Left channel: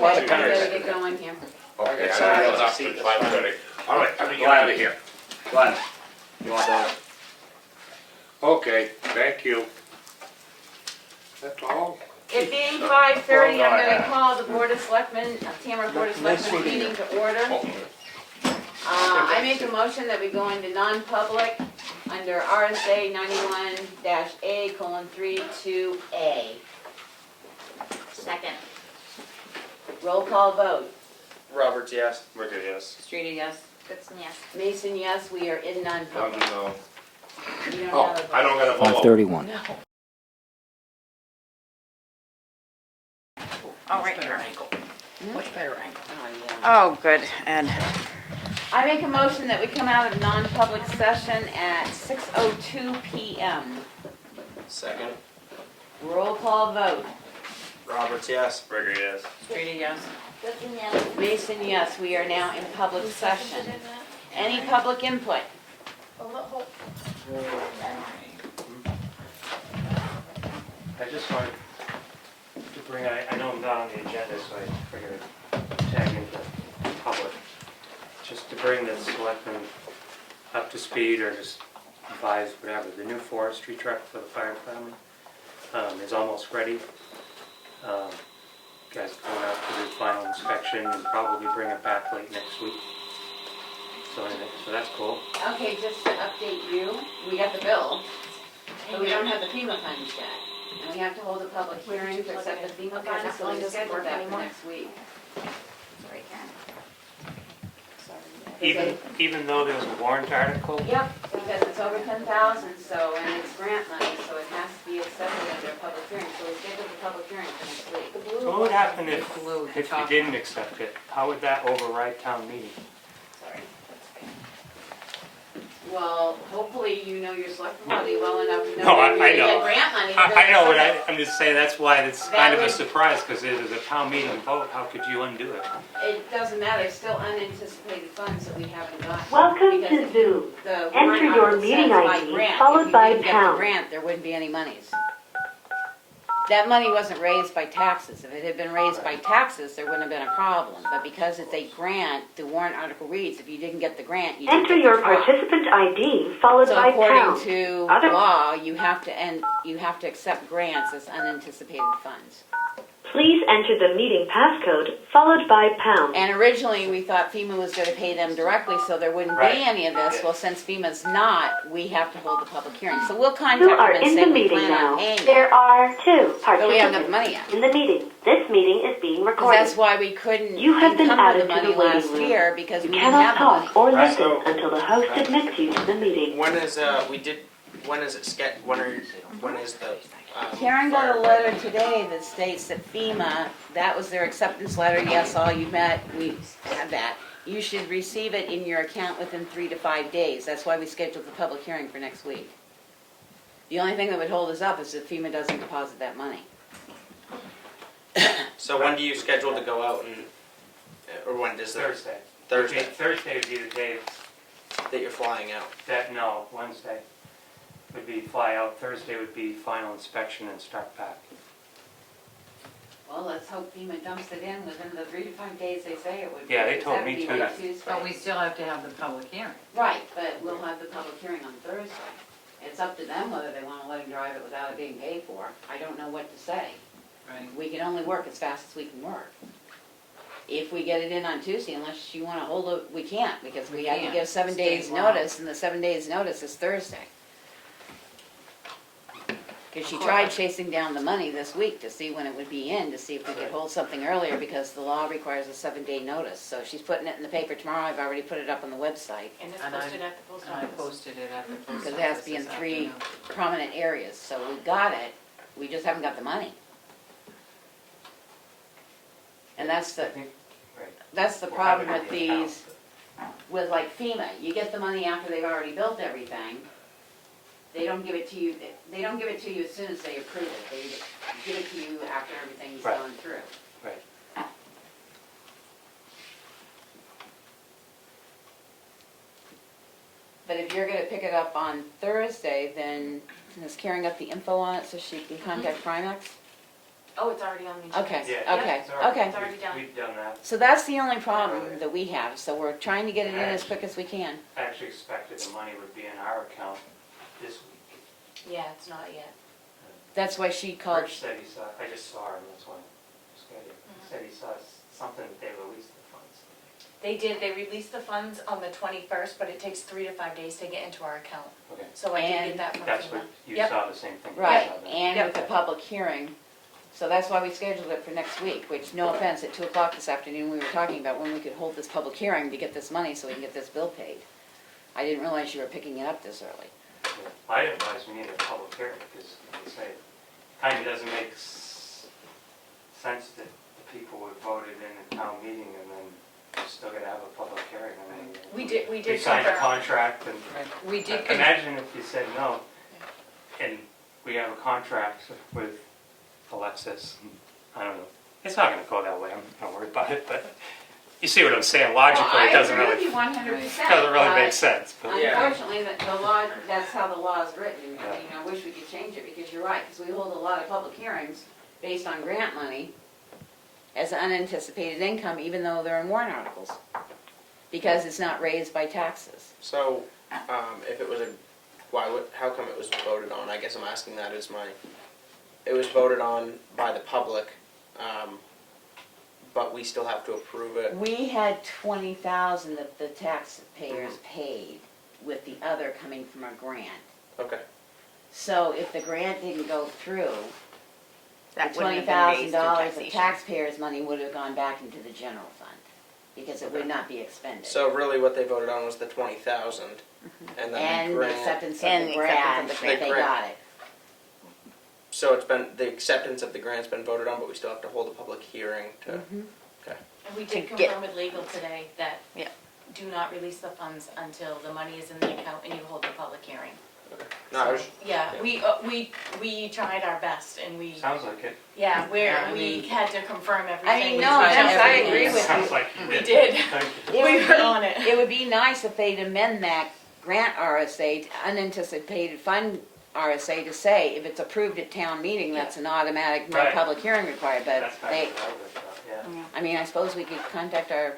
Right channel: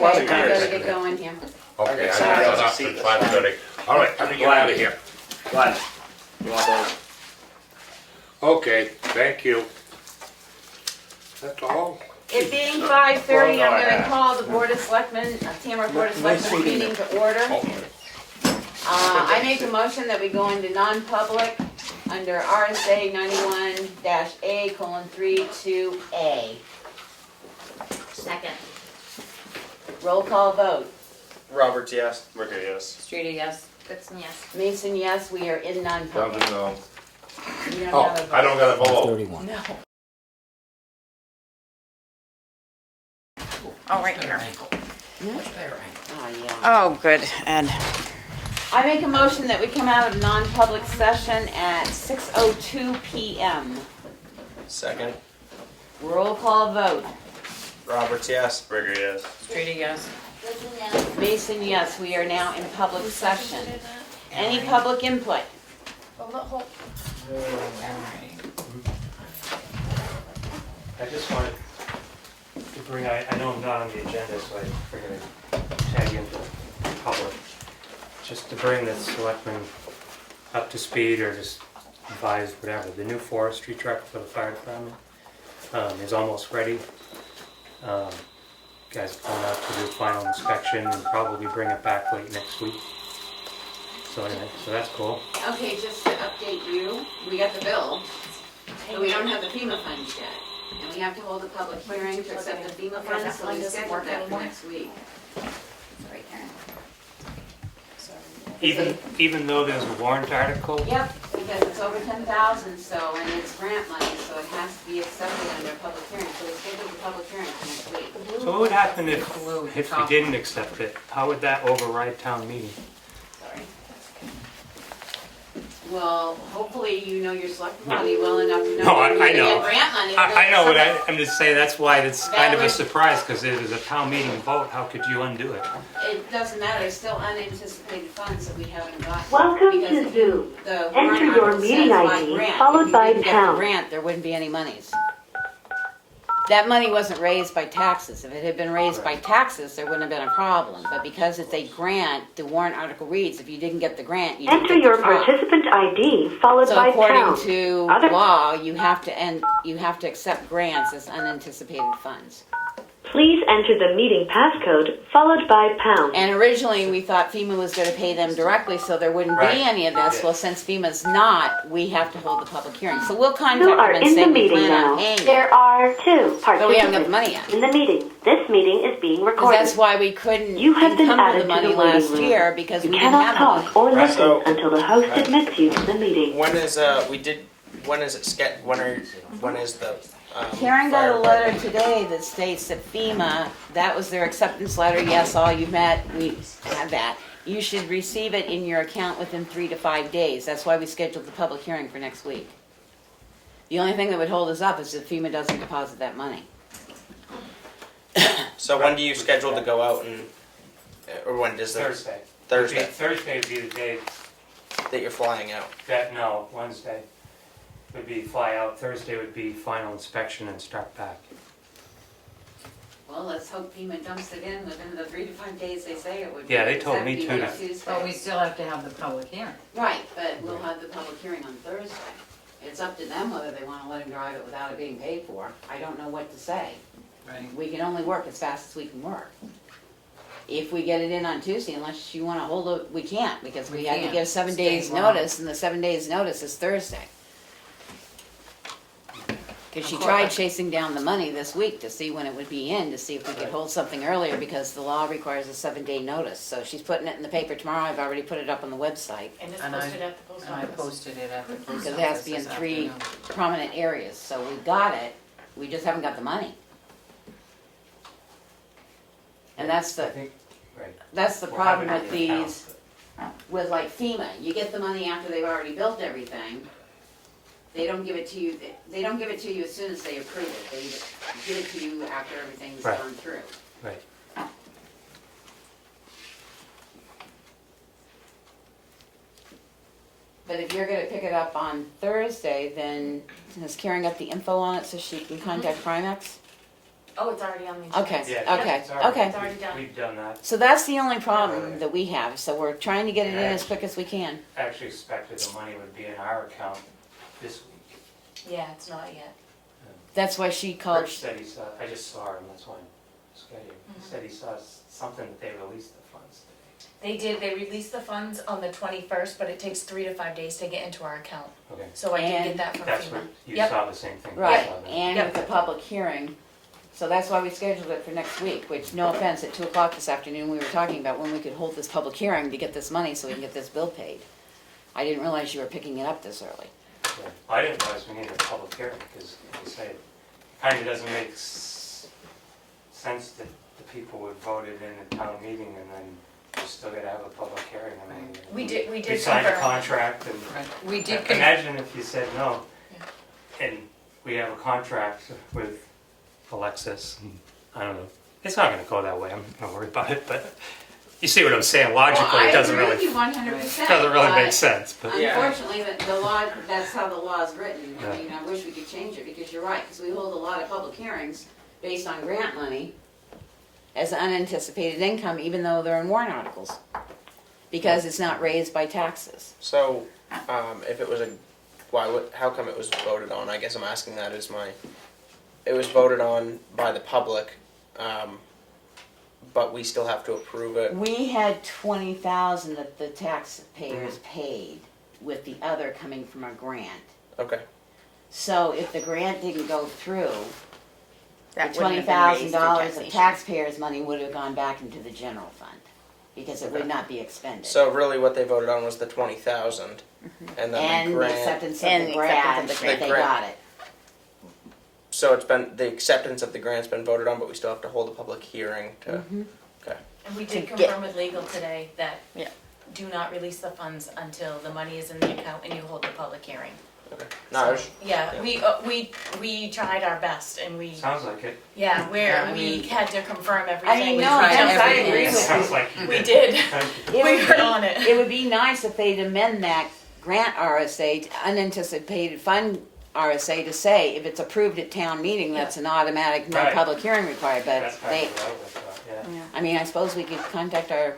Okay, I gotta get going here. Okay, I Okay, know sorry. it's up to 5:30. All right, let me get out of here. Glenn, you want those? Okay, thank you. That's all? It being 5:30, Well, no, I'm I gonna have. call the Board of Selectmen, Tamworth Board of Selectmen meeting to order. I make a motion that we go into non-public under RSA 91-A:32A. Second. Roll call vote. Roberts, yes. Ricker, yes. Streeter, yes. Goodson, yes. Mason, yes, we are in non-public. Doesn't know. We don't Oh, have a vote. I don't got a vote. 31. No. Oh, right here. Much better angle. Oh, yeah. Oh, good, Ed. I make a motion that we come out of non-public session at 6:02 PM. Second. Roll call vote. Roberts, yes. Ricker, yes. Streeter, yes. Goodson, yes. Mason, yes, we are now in public session. Any public input? I just wanted to bring, I know I'm not on the agenda, so I figured I'd tag into the public. Just to bring the selectmen up to speed or just advise whatever. The new forestry truck for the fire department is almost ready. Guys are going out to do final inspection and probably bring it back late next week. So anyway, so that's cool. Okay, just to update you, we got the bill, but we don't have the FEMA funds yet. And we have to hold a public hearing to accept the FEMA funds, so we scheduled that for next week. Sorry, Karen. Even though there's a warrant article, Yep, because it's over 10,000, so, and it's grant money, so it has to be accepted under a public hearing, so we scheduled a public hearing for next week. so what would happen if Blue, you top. didn't accept it? How would that override town meeting? Sorry. Well, hopefully you know your select body well enough to know No, that I you know. get grant money. I know, but Something- I'm just saying, that's why it's kind of a Valid. surprise, because it was a town meeting vote, how could you undo it? It doesn't matter, it's still unanticipated funds that we haven't got. Welcome Because to Zoom. the Enter warrant your article meeting says by ID grant. followed If you by didn't get the pound. grant, there wouldn't be any monies. That money wasn't raised by taxes. If it had been raised by taxes, there wouldn't have been a problem. But because it's a grant, the warrant article reads, if you didn't get the grant, you didn't Enter get your the crop. participant ID followed So by according pound. to Other- law, you have to accept grants as unanticipated funds. Please enter the meeting passcode followed by pound. And originally, we thought FEMA was going to pay them directly, so there wouldn't Right. be any of this. Yeah. Well, since FEMA's not, we have to hold the public hearing. So we'll contact You them are and in say the we meeting plan on now. paying it. There are 2 But we haven't got the money participants yet. in the meeting. This meeting is being 'Cause recorded. that's why we couldn't You have been encumber added the to money the waiting last room. year because You we didn't cannot have talk money. or Right. listen So- until the host admits you to the meeting. When is when is it when is the Karen got fire a letter department? today that states that FEMA, that was their acceptance letter, yes, all you met, we had that. You should receive it in your account within 3 to 5 days. That's why we scheduled the public hearing for next week. The only thing that would hold us up is if FEMA doesn't deposit that money. So when do you schedule to go out and, or when does the Thursday. Thursday Thursday would be the day that you're flying out? Wednesday would be fly out, Thursday would be final inspection and start back. Well, let's hope FEMA dumps it in within the 3 to 5 days they say it would be. Yeah, they because told that'd me be too. like Tuesday. But we still have to have the public hearing. Right, but we'll have the public hearing on Thursday. It's up to them whether they want to let him drive it without it being paid for. I don't know what to say. Right. We can only work as fast as we can work. If we get it in on Tuesday, unless you want to hold it, we can't, because we We have to can't. give 7 State days law. notice, and the 7 days notice is Thursday. Because she Of course. tried chasing down the money this week to see when it would be in, to see if we could hold something earlier, because the law requires a 7-day notice. So she's putting it in the paper tomorrow. I've already put it up on the website. And it's posted at the post office. And I posted it at the post office. Because it has to be in this 3 afternoon. prominent areas. So we've got it, we just haven't got the money. And that's I the, think, right. that's the We'll have problem it with in the these, with like FEMA. You get the money after they've already built everything. They don't give it to you, they don't give it to you as soon as they approve it. They just give it to you after everything's Right. gone through. Right. But if you're gonna pick it up on Thursday, then is Karen got the info on it so she can contact Primex? Oh, it's already on the agenda. Okay. Yeah, Okay, it's already- okay. It's already done. We've done that. So that's the only Earlier. problem that we have, so we're trying to get it in as quick as we can. I actually expected the money would be in our account this week. Yeah, it's not yet. That's why she called, Rich said he saw, I just saw him, that's why I'm scheduled. He said he saw something that they released the funds. They did, they released the funds on the 21st, but it takes 3 to 5 days to get into our account. Okay, So I did And get that from that's FEMA. what, you Yep. saw the same thing. I right, saw that. and Yep. with the public hearing, so that's why we scheduled it for next week, which, no offense, at 2 o'clock this afternoon, we were talking about when we could hold this public hearing to get this money so we can get this bill paid. I didn't realize you were picking it up this early. Yeah. I didn't realize we needed a public hearing, because, like I say, it kind of doesn't make sense that the people would voted in a town meeting and then you still gotta have a public hearing. I mean, We did we signed a confirm. contract and We did, imagine if you said no, and we have a contract with Alexis, and I don't know, it's not gonna go that way, I'm not worried about it, but you see what I'm saying, logically, it doesn't really, 100%. doesn't really make sense, but. Unfortunately, the law, that's how the law is written. I mean, I wish we could change it, because you're right, because we hold a lot of public hearings based on grant money as unanticipated income, even though they're in warrant articles, because it's not raised by taxes. So, if it was how come it was voted on? I guess I'm asking that as it was voted on by the public, but we still have to approve it. We had 20,000 that the taxpayers paid, with the other coming from a grant. Okay. So if the grant didn't go through, That the wouldn't have been raised through $20,000 of taxation. taxpayers' money would have gone back into the general fund, because it would not be expended. So really what they voted on was the 20,000, and then And the the grant. acceptance And of the the grant, acceptance of the they grant. got it. So the acceptance of the grant's been voted on, but we still have to hold a public hearing to. Mhm. Okay. and we did To get- confirm with legal today that Yeah. do not release the funds until the money is in the account and you hold the public hearing. Okay. No, I was, Yeah, we tried our best and we, Sounds like it. yeah, I we mean- had to confirm everything. We no, tried yes, I everything. agree with Sounds like you We did. did. Thank you. It We would were be- on it. It would be nice if they'd amend that grant RSA, to unanticipated fund RSA, to say if it's approved at town meeting, that's an automatic, no Right. public hearing required, but That's kind they, of what I would've thought, yeah. I mean, I suppose we could contact our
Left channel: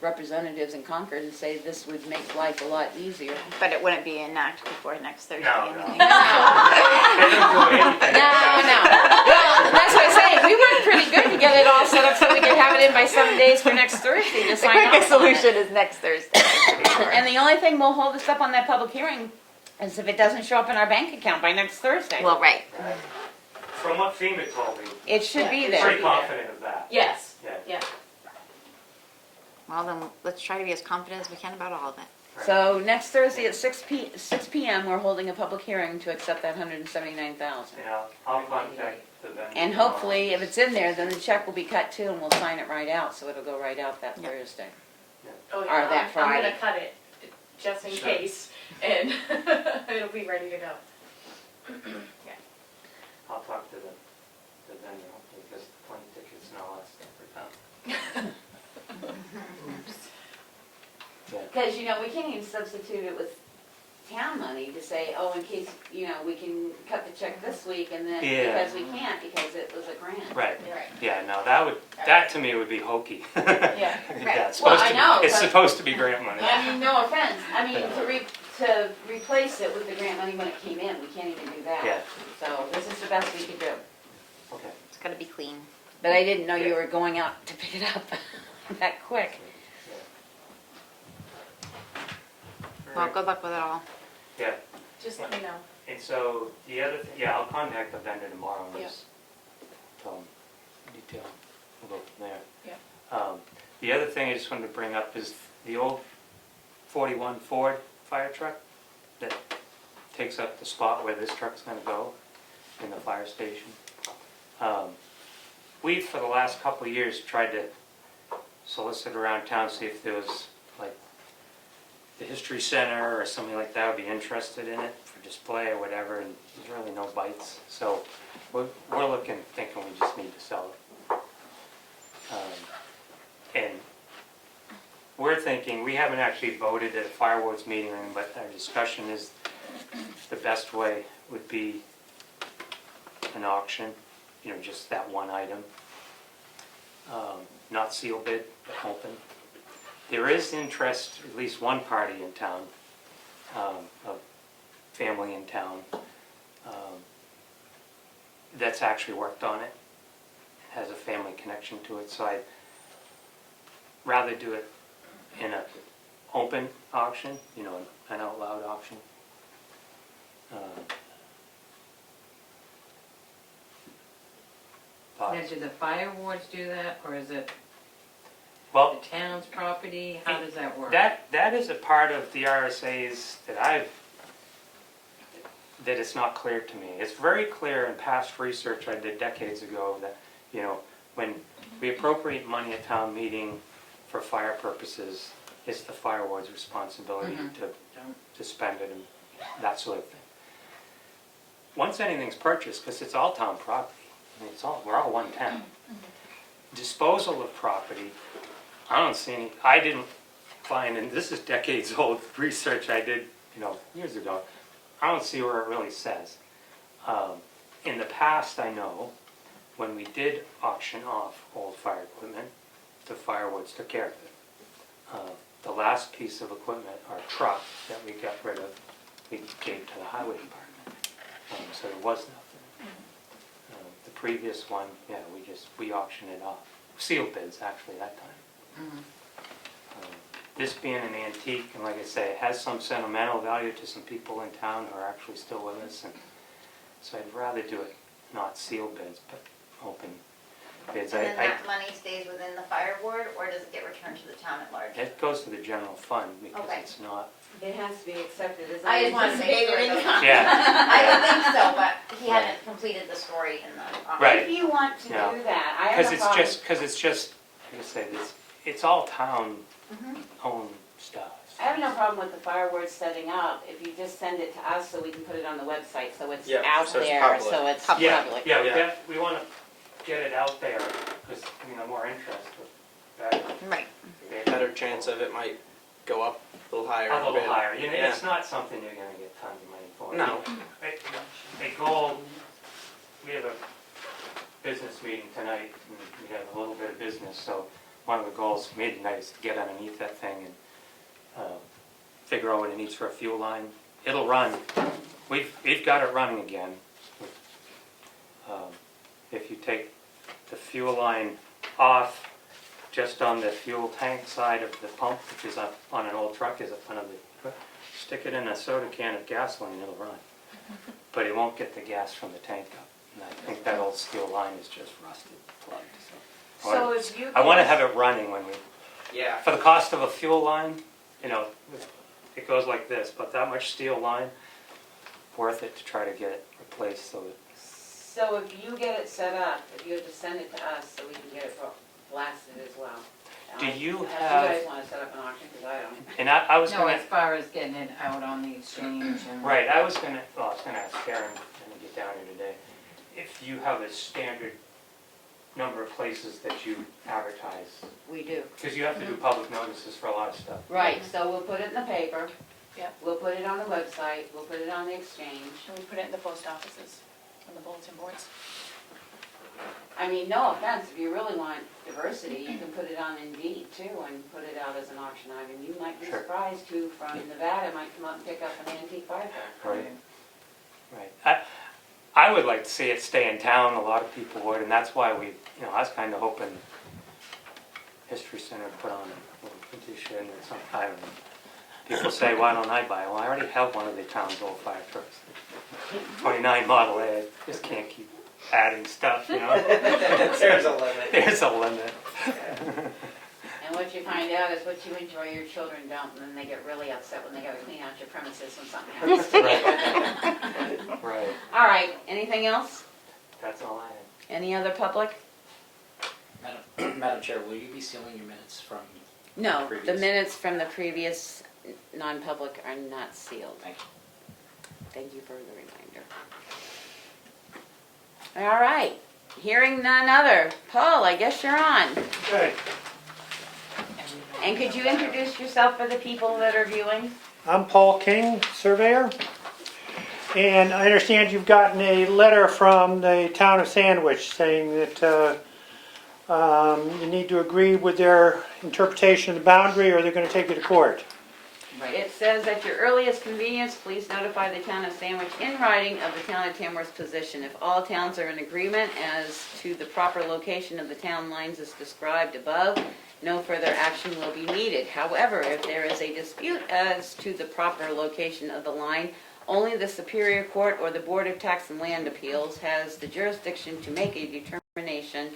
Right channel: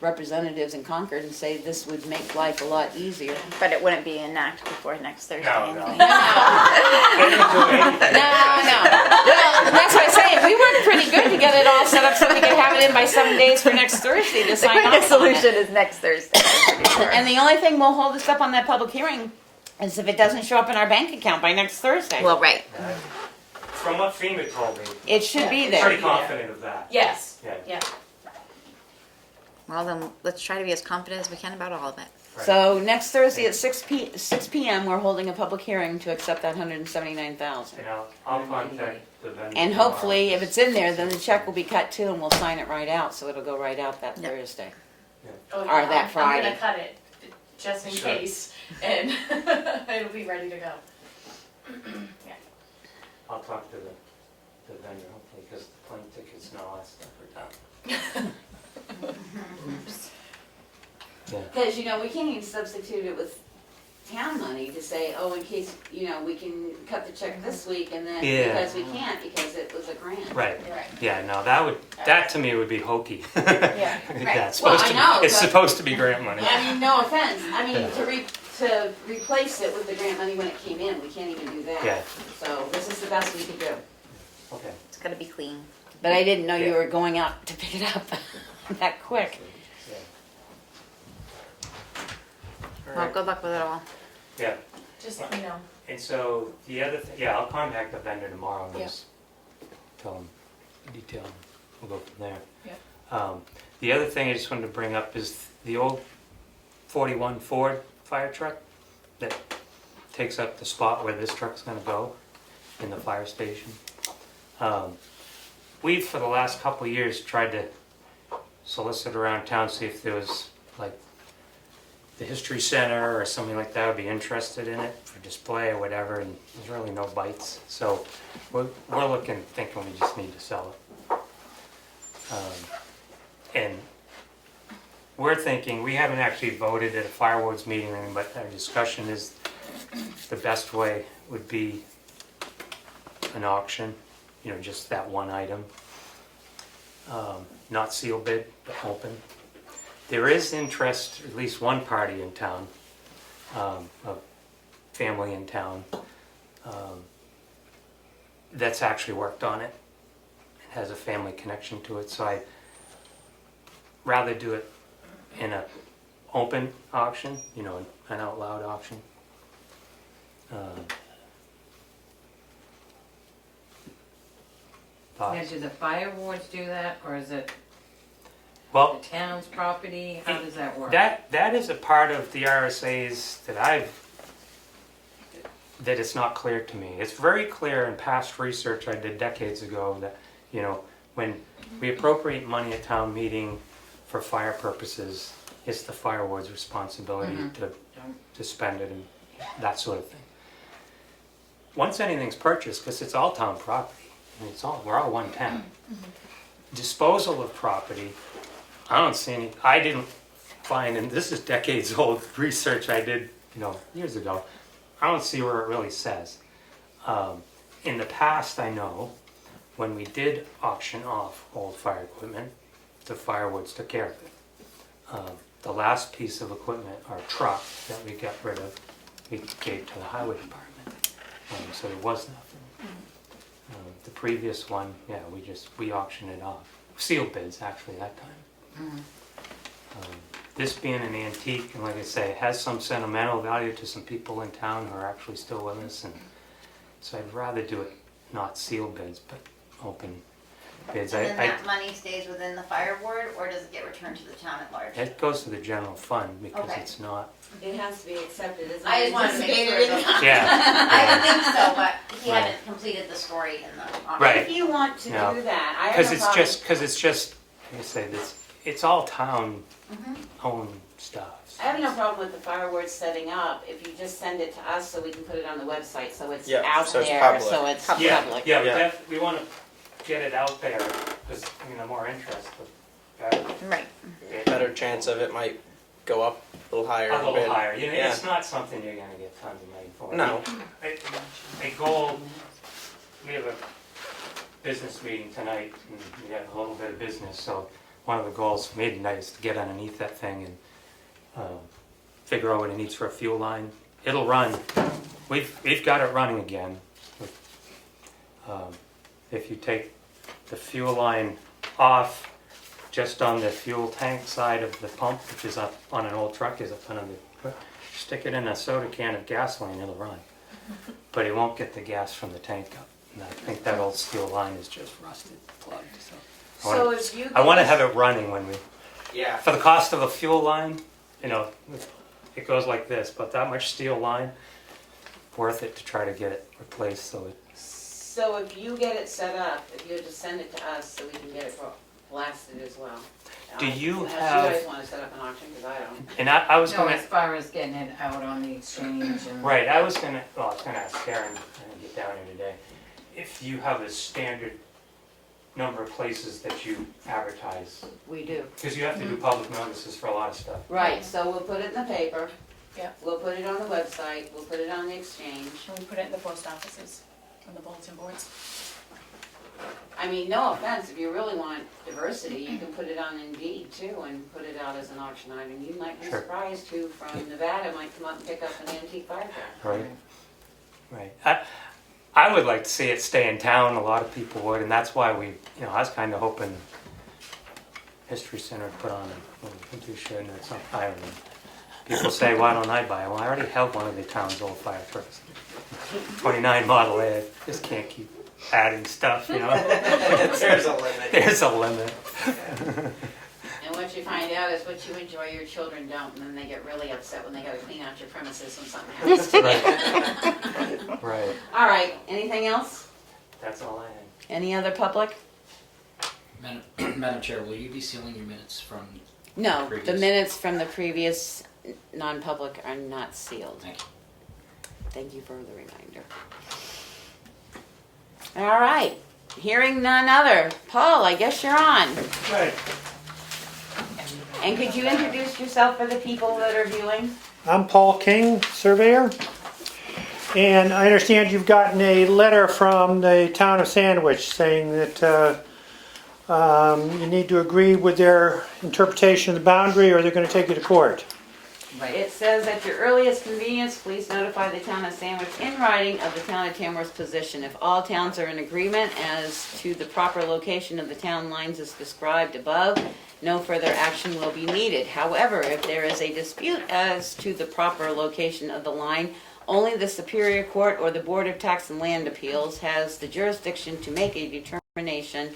representatives in Concord and say this would make life a lot easier. But it wouldn't be enacted before next Thursday. No, anyway. no. They didn't do anything. No. Well, that's what I say, we worked pretty good to get it all set up so we could have it in by 7 days for next Thursday to The sign quickest off on it. solution is next Thursday. And the only thing will hold us up on that public hearing is if it doesn't show up in our bank account by next Thursday. Well, right. From what FEMA told me, It should be I'm there. pretty confident of that. Yes, Yeah. yeah. Well, then let's try to be as confident as we can about all of it. Right. So next Thursday at 6 p.m., we're holding a public hearing to accept that 179,000. And I'll contact the vendor. And hopefully, if it's in there, then the check will be cut too, and we'll sign it right out, so it'll go right out that Yeah. Thursday. Oh, Or yeah, that I'm Friday. gonna cut it, just in Sure. case, and it'll be ready to go. I'll talk to the vendor, hopefully, because the plane tickets and all that stuff are done. Because, we can't even substitute it with town money to say, oh, in case, we can cut the check this week, and then, Yeah. because we can't, because it was a grant. Right, Right. yeah, no, that to me would be hokey. Yeah. Well, Yeah, it's supposed I to be- know, It's but- supposed to be grant money. I mean, no offense, Yeah. to replace it with the grant money when it came in, we can't even do that. Yeah, So this is the best we could do. okay. It's gotta be clean. But I didn't know you Yeah. were going out to pick it up that quick. Yeah. Well, good luck with it all. Yeah, Just let me know. and so the other, I'll contact the vendor tomorrow and Yeah. just tell him detail, we'll go from there. Yep. The other thing I just wanted to bring up is the old 41 Ford fire truck that takes up the spot where this truck's gonna go in the fire station. We, for the last couple of years, tried to solicit around town, see if there was, like, the History Center or something like that would be interested in it for display or whatever, and there's really no bites. So we're looking, thinking we just need to sell it. And we're thinking, we haven't actually voted at a fireworks meeting, or anything, but our discussion is the best way would be an auction, just that one item. Not seal bid, but open. There is interest, at least one party in town, a family in town, that's actually worked on it, has a family connection to it, so I'd rather do it in an open auction, an out loud auction. Now, do the fire wards do that, or is it Well, the town's property? How does that work? that is a part of the RSA's that it's not clear to me. It's very clear in past research I did decades ago that, when we appropriate money at town meeting for fire purposes, it's the fire ward's responsibility to spend it and that sort of thing. Once anything's purchased, because it's all town property, we're all one town. Disposal of property, I didn't find, and this is decades old research I did, years ago, I don't see where it really says. In the past, I know, when we did auction off old fire equipment, the firewoods took care of it. The last piece of equipment, our truck that we got rid of, we gave to the highway department. So there was nothing. The previous one, we auctioned it off. Sealed bids, actually, that time. This being an antique, and like I say, it has some sentimental value to some people in town who are actually still with us, and so I'd rather do it not sealed bids, but open bids. And then that money stays within the fire ward, or does it get returned to the town at large? It goes to the general fund because Okay. it's not. It has to be accepted as I just wanted to make sure. Yeah. I would think so, but he Right. hadn't completed the story in the auction. Right. If you want to No. do that, I have Because no it's problem. just, like I say, it's all town owned stuff. I have no problem with the fireworks setting up, if you just send it to us so we can put it on the website, so it's Yeah, out so it's there, public. so it's Yeah, public. yeah, we want to get it out there, because, the more interest, the better. Right. Better chance of it might go up a little higher. A little bit. higher, Yeah. it's not something you're gonna get tons of money for. No. A goal, we have a business meeting tonight, and we have a little bit of business, so one of the goals for me tonight is to get underneath that thing and figure out what it needs for a fuel line. It'll run. We've got it running again. If you take the fuel line off just on the fuel tank side of the pump, which is up on an old truck, is up under the, stick it in a soda can of gasoline, it'll run. But it won't get the gas from the tank up. And I think that old steel line is just rusted, plugged. So if you. I want to have it running when we, Yeah. for the cost of a fuel line, it goes like this, but that much steel line, worth it to try to get it replaced so that. So if you get it set up, if you just send it to us so we can get it blasted as well. Do you Unless have- you guys want to set up an auction, because I don't. And I was No, gonna, as far as getting it out on the exchange and. right, I was gonna ask Karen, and get down here today, if you have a standard number of places that you advertise, We do. because you have to do public notices for a lot of stuff. Right, so we'll put it in the paper. Yep. We'll put it on the website, we'll put it on the exchange. And we put it in the post offices, and the bulletin boards. I mean, no offense, if you really want diversity, you can put it on Indeed too and put it out as an auction item. You might be Sure. surprised who from Nevada might come up and pick up an antique fire truck. Right, right. I would like to see it stay in town, a lot of people would, and that's why I was kind of hoping History Center would put on a shed or something, I don't know. People say, why don't I buy one? Well, I already have one of the town's old fire trucks. 29 Model A, just can't keep adding stuff, There's a limit. There's a limit. And what you find out is what you enjoy, your children don't, and then they get really upset when they gotta clean out your premises when something happens to you. Right, All right, anything else? that's all I had. Any other public? Madam Chair, will you be sealing your minutes from? No, the Previous. minutes from the previous non-public are not sealed. Thank you. Thank you for the reminder. All right, hearing none other. Paul, I guess you're on. Good. And could you introduce yourself for the people that are viewing? I'm Paul King, surveyor. And I understand you've gotten a letter from the town of Sandwich saying that you need to agree with their interpretation of the boundary or they're going to take you to court. It says, at your earliest convenience, please notify the town of Sandwich in writing of the town of Tamworth's position. If all towns are in agreement as to the proper location of the town lines as described above, no further action will be needed. However, if there is a dispute as to the proper location of the line, only the Superior Court or the Board of Tax and Land Appeals has the jurisdiction to make a determination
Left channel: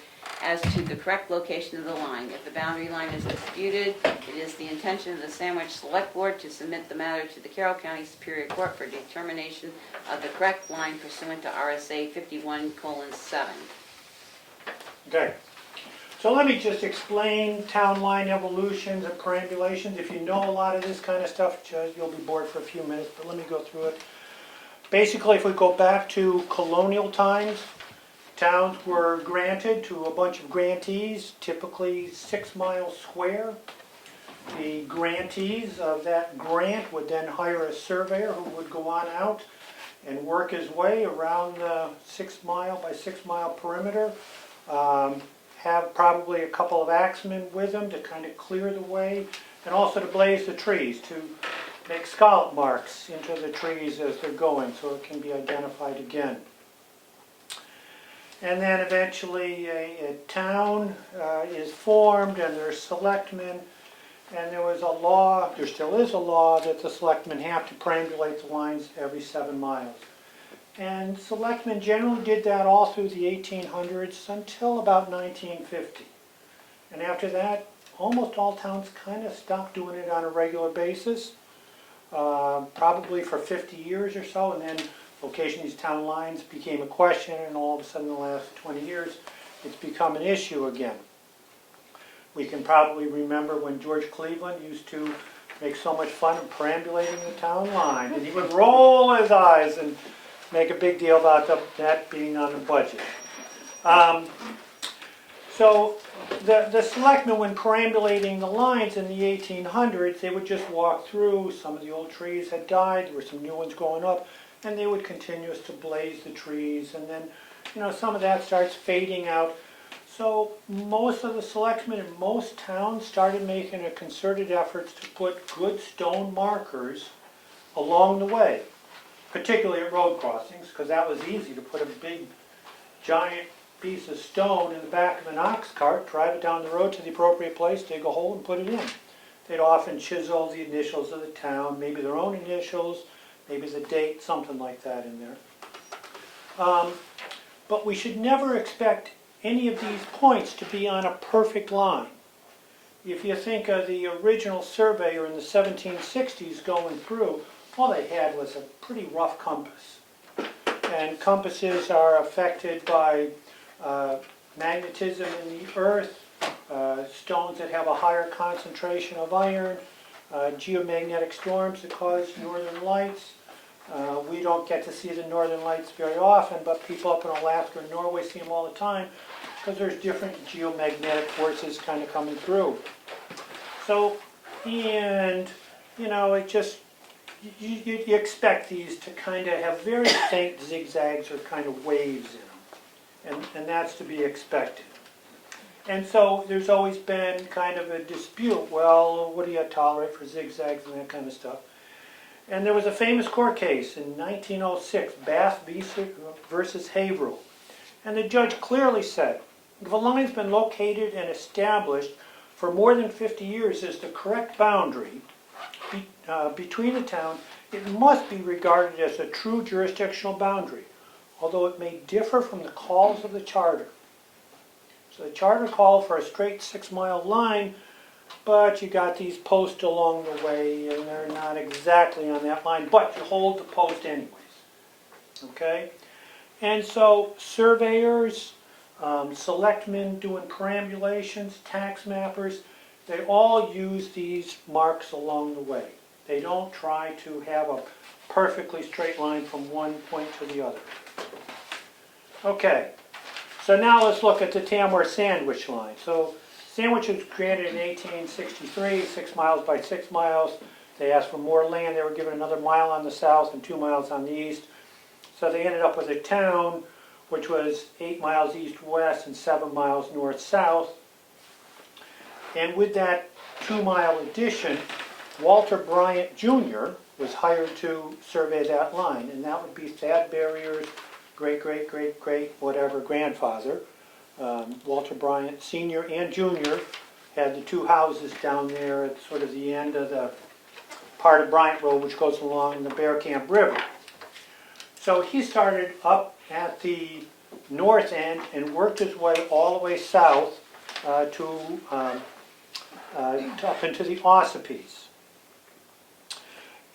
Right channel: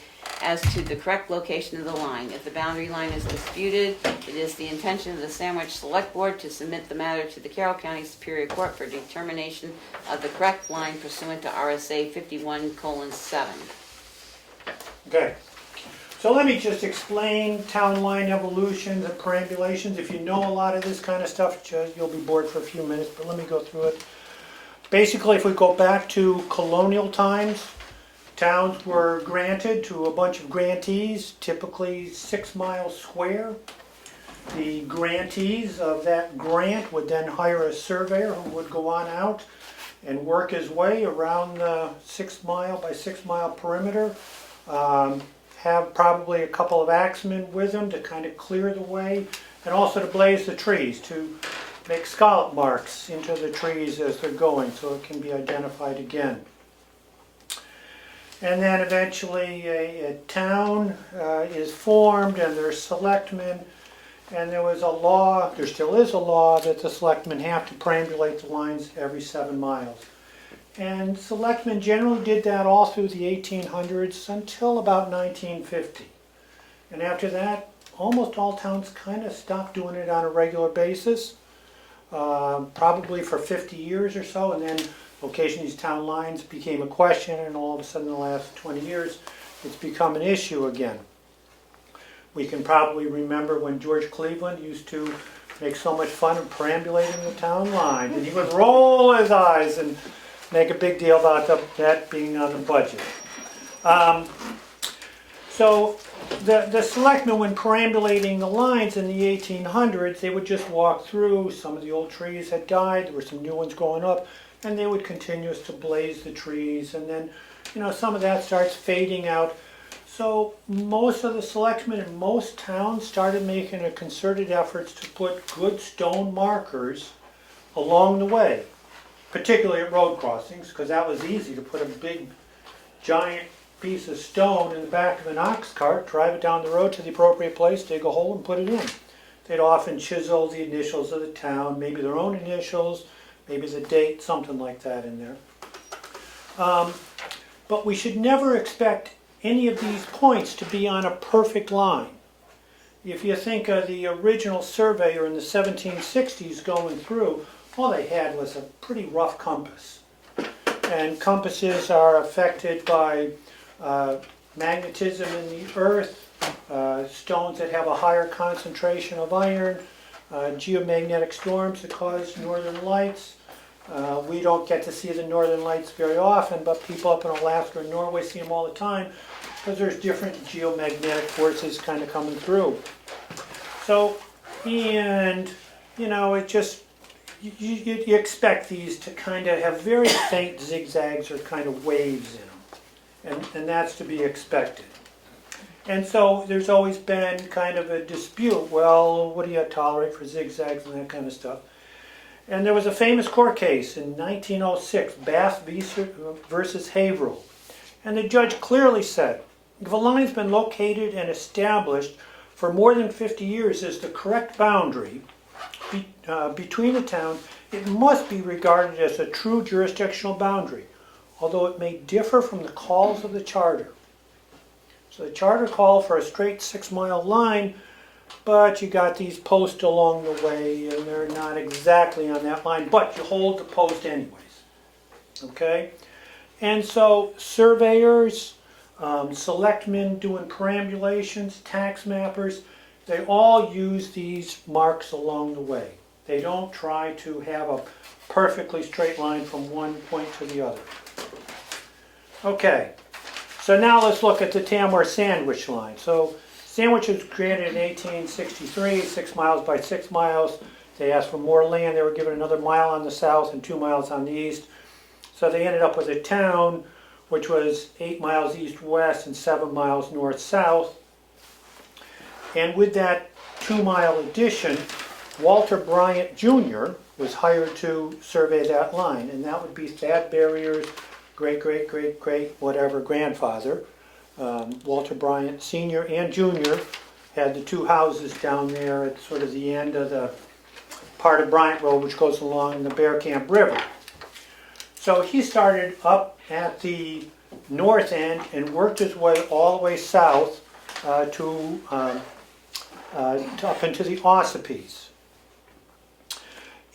as to the correct location of the line. If the boundary line is disputed, it is the intention of the Sandwich Select Board to submit the matter to the Carroll County Superior Court for determination of the correct line pursuant to RSA 51:7. Okay. So let me just explain town line evolutions and perambulations. If you know a lot of this kind of stuff, you'll be bored for a few minutes, but let me go through it. Basically, if we go back to colonial times, towns were granted to a bunch of grantees, typically 6 miles square. The grantees of that grant would then hire a surveyor who would go on out and work his way around the 6 mile by 6 mile perimeter. Have probably a couple of axemen with them to kind of clear the way, and also to blaze the trees, to make scallop marks into the trees as they're going so it can be identified again. And then eventually a town is formed and there's selectmen, and there was a law, there still is a law, that the selectmen have to perambulate the lines every 7 miles. And selectmen generally did that all through the 1800s until about 1950. And after that, almost all towns kind of stopped doing it on a regular basis, probably for 50 years or so, and then location of these town lines became a question, and all of a sudden in the last 20 years, it's become an issue again. We can probably remember when George Cleveland used to make so much fun of perambulating the town lines, and he would roll his eyes and make a big deal about that being on the budget. So the selectmen, when perambulating the lines in the 1800s, they would just walk through. Some of the old trees had died, there were some new ones growing up, and they would continue to blaze the trees, and then, some of that starts fading out. So most of the selectmen in most towns started making a concerted efforts to put good stone markers along the way, particularly at road crossings, because that was easy to put a big, giant piece of stone in the back of an ox cart, drive it down the road to the appropriate place, dig a hole and put it in. They'd often chisel the initials of the town, maybe their own initials, maybe the date, something like that in there. But we should never expect any of these points to be on a perfect line. If you think of the original surveyor in the 1760s going through, all they had was a pretty rough compass. And compasses are affected by magnetism in the earth, stones that have a higher concentration of iron, geomagnetic storms that cause northern lights. We don't get to see the northern lights very often, but people up in Alaska and Norway see them all the time because there's different geomagnetic forces kind of coming through. So, and, it just, you expect these to kind of have very faint zigzags or kind of waves in them, and that's to be expected. And so there's always been kind of a dispute, well, what do you tolerate for zigzags and that kind of stuff? And there was a famous court case in 1906, Bass versus Haverhill, and the judge clearly said, if a line's been located and established for more than 50 years as the correct boundary between the towns, it must be regarded as a true jurisdictional boundary, although it may differ from the calls of the charter. So the charter called for a straight 6 mile line, but you got these posts along the way and they're not exactly on that line, but you hold the post anyways. Okay? And so surveyors, selectmen doing perambulations, tax mappers, they all use these marks along the way. They don't try to have a perfectly straight line from one point to the other. Okay, so now let's look at the Tamworth Sandwich line. So Sandwich was created in 1863, 6 miles by 6 miles. They asked for more land. They were given another mile on the south and 2 miles on the east. So they ended up with a town which was 8 miles east-west and 7 miles north-south. And with that 2-mile addition, Walter Bryant Jr. was hired to survey that line, and that would be Thad Barrier's great whatever grandfather. Walter Bryant Sr. and Jr. had the 2 houses down there at sort of the end of the part of Bryant Road which goes along the Bear Camp River. So he started up at the north end and worked his way all the way south to up into the Ossipes.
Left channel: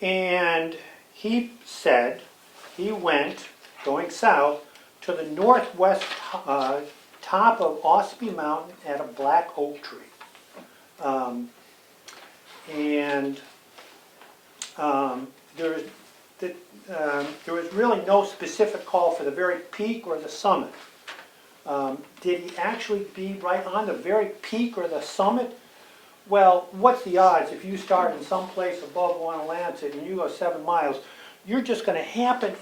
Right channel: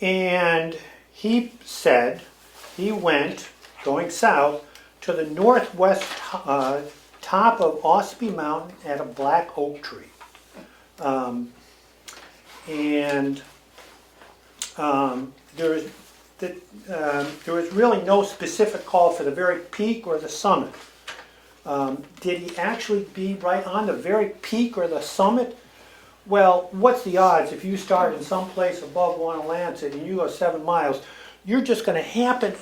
And he said he went, going south, to the northwest top of Ossipee Mountain at a black oak tree. There was really no specific call for the very peak or the summit. Did he actually be right on the very peak or the summit? Well, what's the odds if you start in some place above Wanalancet and you go 7 miles, you're just going to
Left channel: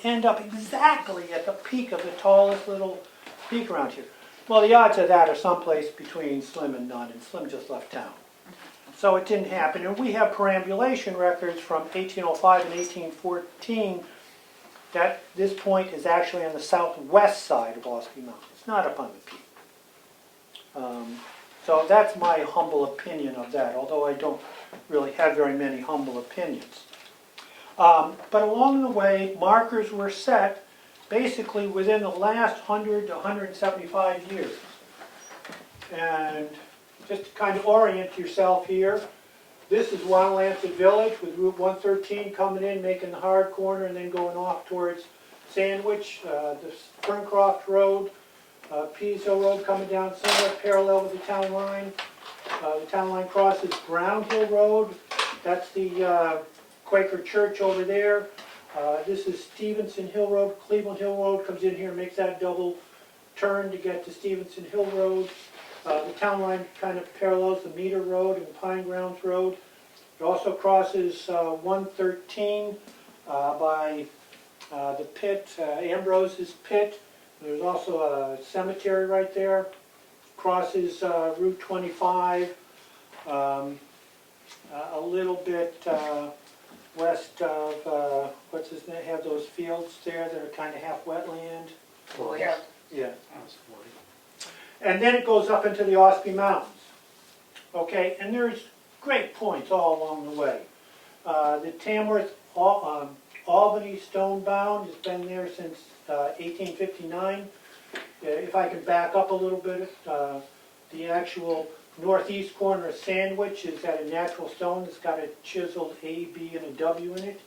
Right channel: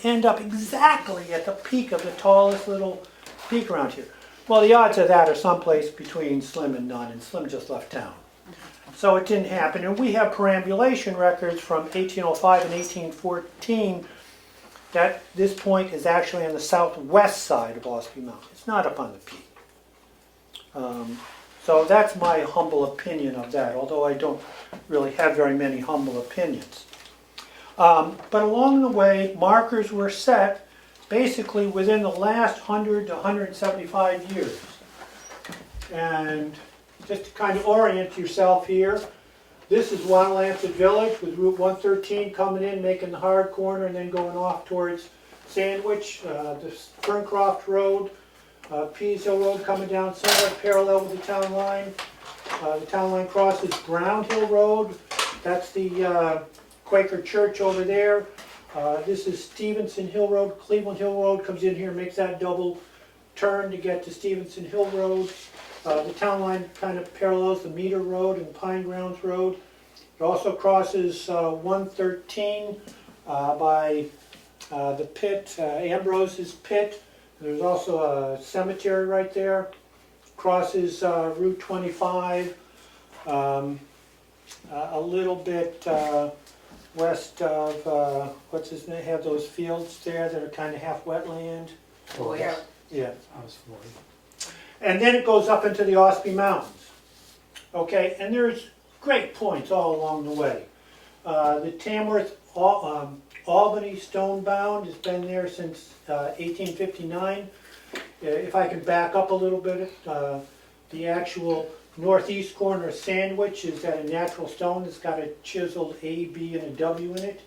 end up exactly at the peak of the tallest little peak around here. Well, the odds of that are someplace between slim and none, and Slim just left town. So it didn't happen. And we have perambulation records from 1805 and 1814 that this point is actually on the southwest side of Ossipee Mountain. It's not up on the peak. So that's my humble opinion of that, although I don't really have very many humble opinions. But along the way, markers were set basically within the last 100 to 175 years. And just to kind of orient yourself here, this is Wanalancet Village with Route 113 coming in, making the hard corner, and then going off towards Sandwich, the Ferncroft Road, Pease Hill Road coming down somewhat parallel with the town line. The town line crosses Brown Hill Road. That's the Quaker Church over there. This is Stevenson Hill Road. Cleveland Hill Road comes in here, makes that double turn to get to Stevenson Hill Road. The town line kind of parallels the Meter Road and Pine Grounds Road. It also crosses 113 by the pit, Ambrose's pit. There's also a cemetery right there. Crosses Route 25 a little bit west of, what's his name, have those fields there that are kind of half wetland. Oh, yeah. Yeah. House 40. And then it goes up into the Ossipee Mountains. Okay, and there's great points all along the way. The Tamworth Albany Stone Bound has been there since 1859. If I can back up a little bit, the actual northeast corner of Sandwich has got a natural stone that's got a chiseled A, B, and a W in it.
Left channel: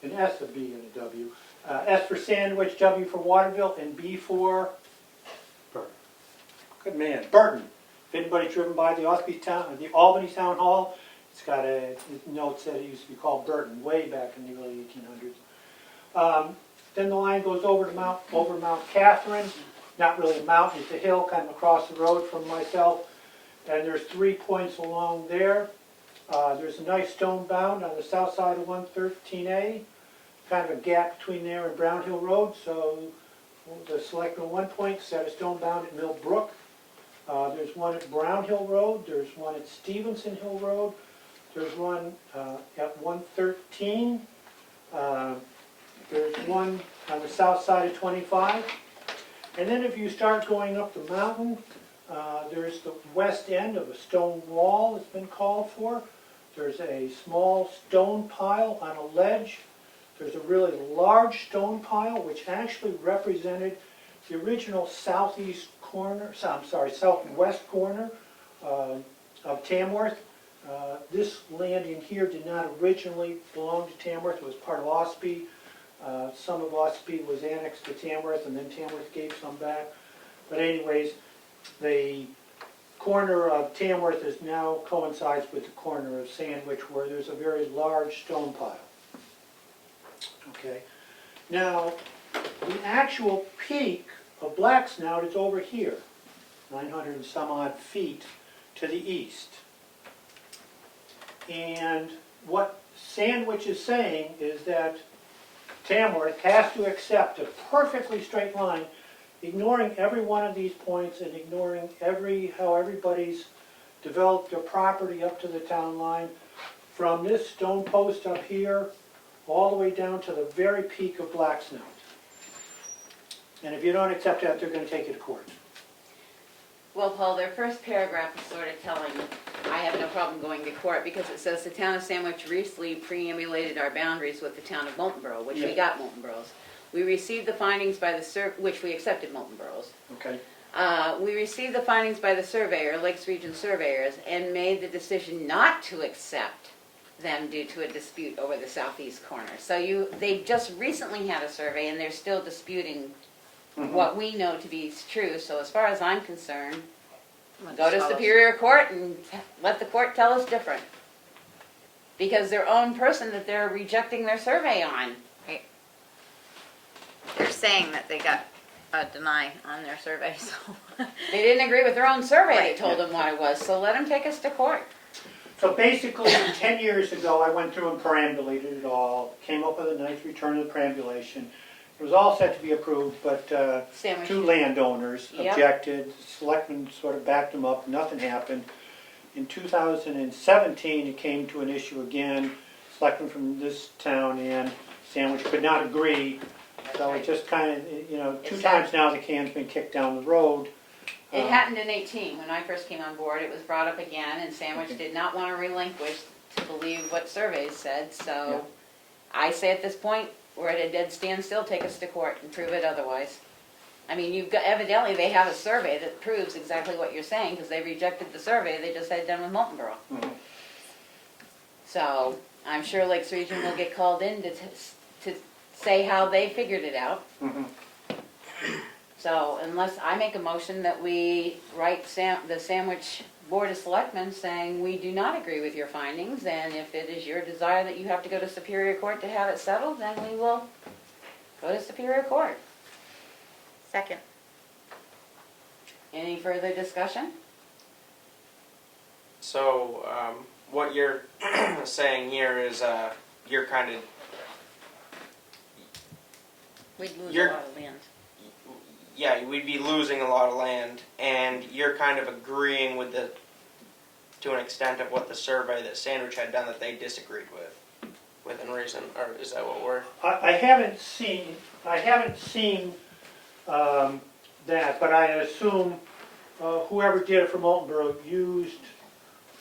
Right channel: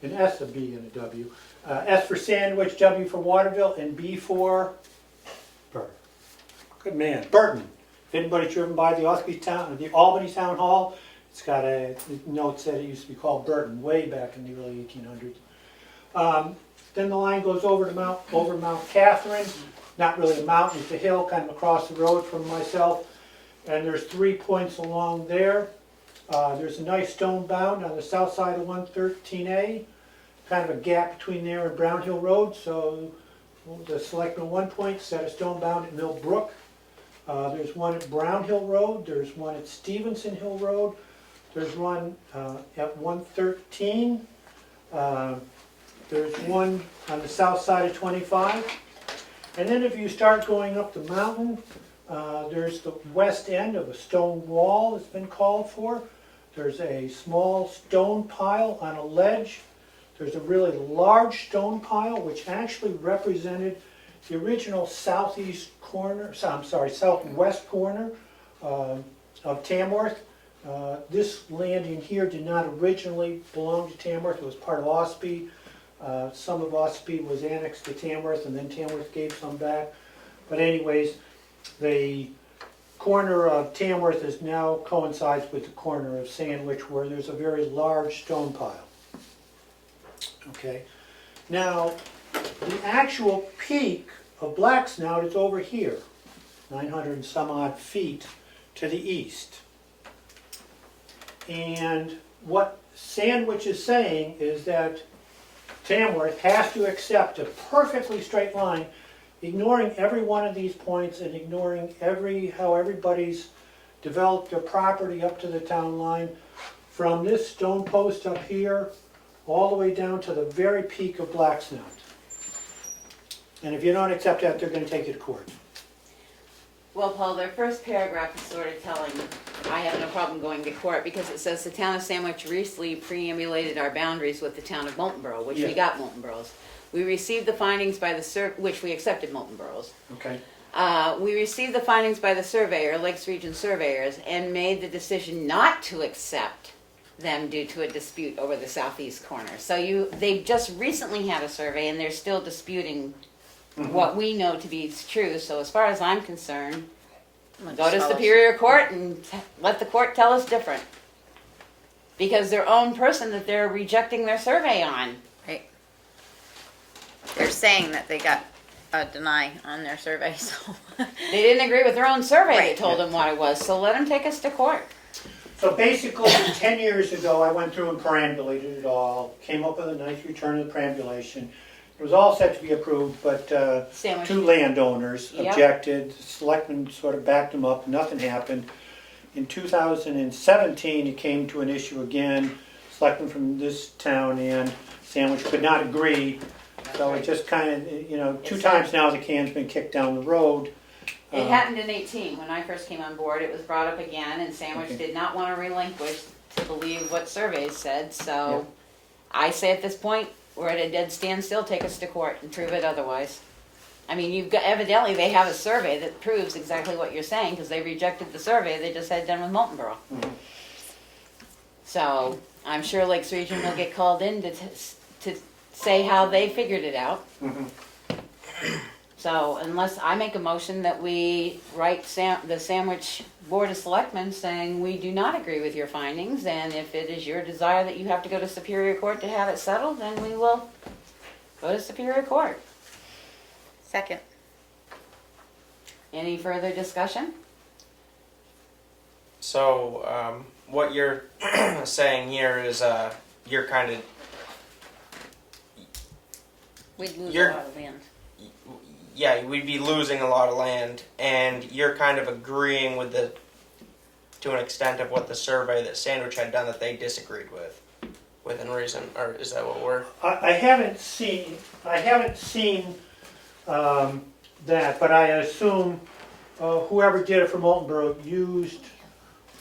An S, a B, and a W. S for Sandwich, W for Waterville, and B for Burton. Good man, Burton. If anybody's driven by the Albany Town Hall, it's got a note that it used to be called Burton way back in the early 1800s. Then the line goes over Mount Catherine. Not really a mountain, it's a hill kind of across the road from myself. And there's 3 points along there. There's a nice stone bound on the south side of 113A. Kind of a gap between there and Brown Hill Road. So the Selectmen 1 point set a stone bound at Mill Brook. There's one at Brown Hill Road. There's one at Stevenson Hill Road. There's one at 113. There's one on the south side of 25. And then if you start going up the mountain, there's the west end of a stone wall that's been called for. There's a small stone pile on a ledge. There's a really large stone pile which actually represented the original southwest corner of Tamworth. This land in here did not originally belong to Tamworth. It was part of Ossipee. Some of Ossipee was annexed to Tamworth, and then Tamworth gave some back. But anyways, the corner of Tamworth is now coincides with the corner of Sandwich, where there's a very large stone pile. Okay, now the actual peak of Black Snout is over here, 900 and some odd feet to the east. And what Sandwich is saying is that Tamworth has to accept a perfectly straight line, ignoring every one of these points and ignoring how everybody's developed their property up to the town line, from this stone post up here, all the way down to the very peak of Black Snout. And if you don't accept that, they're gonna take it to court. Well, Paul, their first paragraph is sort of telling, I have no problem going to court, because it says the town of Sandwich recently preambulated our boundaries with the town of Moultonborough, which we Yeah. got Moultonboroughs. We received the findings by the which we accepted Moultonboroughs. Okay. We received the findings by the surveyor, Lakes Region surveyors, and made the decision not to accept them due to a dispute over the southeast corner. So they just recently had a survey, and they're still disputing what we know to be true. So as far as I'm concerned, go to Superior Court and let the court tell us different. Because their own person that they're rejecting their survey on. Right. They're saying that they got a deny on their survey, so. They didn't agree with their own survey Right. that told them what it was, so let them take us to court. So basically, 10 years ago, I went through and perambulated it all, came up with a nice return of the perambulation. It was all set to be approved, but Sandwich. two landowners Yep. objected. The selectmen sort of backed them up, nothing happened. In 2017, it came to an issue again. Selectmen from this town and Sandwich could not agree. So it just kind of, two times now the can's been kicked down the road. It happened in 18, when I first came on board, it was brought up again, and Sandwich Okay. did not want to relinquish to believe what surveys said, so Yeah. I say at this point, we're at a dead standstill, take us to court and prove it otherwise. I mean, evidently they have a survey that proves exactly what you're saying, because they rejected the survey they just had done with Moultonborough. Mhm. So, I'm sure Lakes Region will get called in to say how they figured it out. Mhm. So unless I make a motion that we write the Sandwich Board of Selectmen saying we do not agree with your findings, and if it is your desire that you have to go to Superior Court to have it settled, then we will go to Superior Court. Second. Any further discussion? So, what you're saying here is, you're kind of, We'd lose a You're- lot of land. yeah, we'd be losing a lot of land, and you're kind of agreeing with to an extent of what the survey that Sandwich had done that they disagreed within reason, or is that what we're? I haven't seen that, but I assume whoever did it for Moultonborough used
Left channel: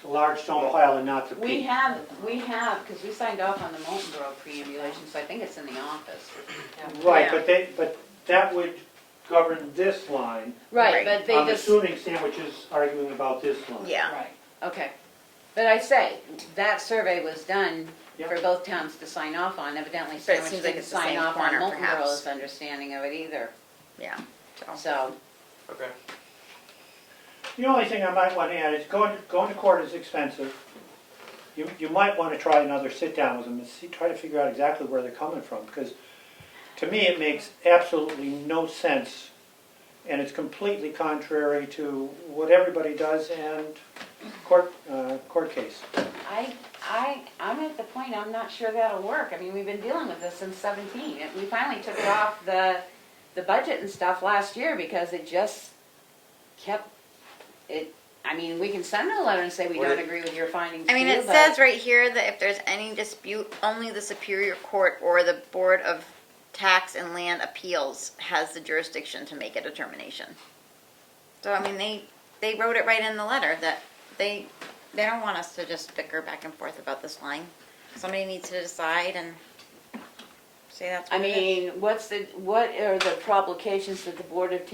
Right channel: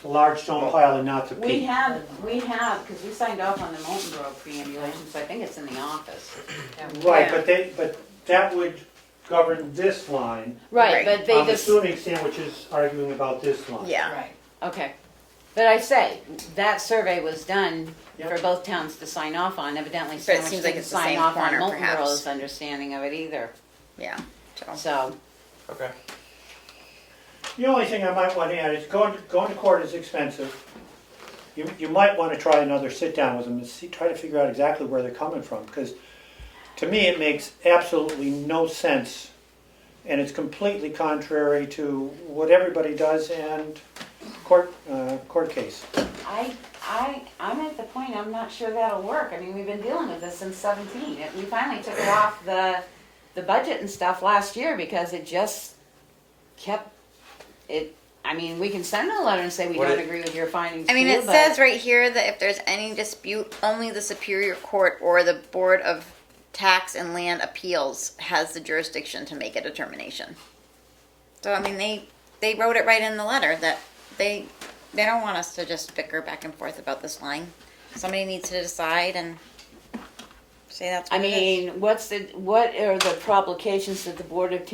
the large stone pile and not the We peak. have, because we signed off on the Moultonborough preambulation, so I think it's in the office. Right, but that would govern this line. Right, but they I'm just, assuming Sandwich is arguing about this line. Yeah. Right. okay. But I say, that survey was done Yep. for both towns to sign off on. Evidently, So it Sandwich seems like didn't it's the sign same off on corner, perhaps. Moultonborough's understanding of it either. Yeah. So. So, Okay. The only thing I might want to add is going to court is expensive. You might want to try another sit down with them and try to figure out exactly where they're coming from, because to me it makes absolutely no sense, and it's completely contrary to what everybody does and court case. I'm at the point, I'm not sure that'll work. I mean, we've been dealing with this since 17. We finally took it off the budget and stuff last year because it just kept it. I mean, we can send them a letter and say we What don't it- agree with your findings. I mean, too, it but- says right here that if there's any dispute, only the Superior Court or the Board of Tax and Land Appeals has the jurisdiction to make a determination. So, I mean, they wrote it right in the letter that they don't want us to just bicker back and forth about this line. Somebody needs to decide and say that's I what it is. mean, what are the provocations that the Board of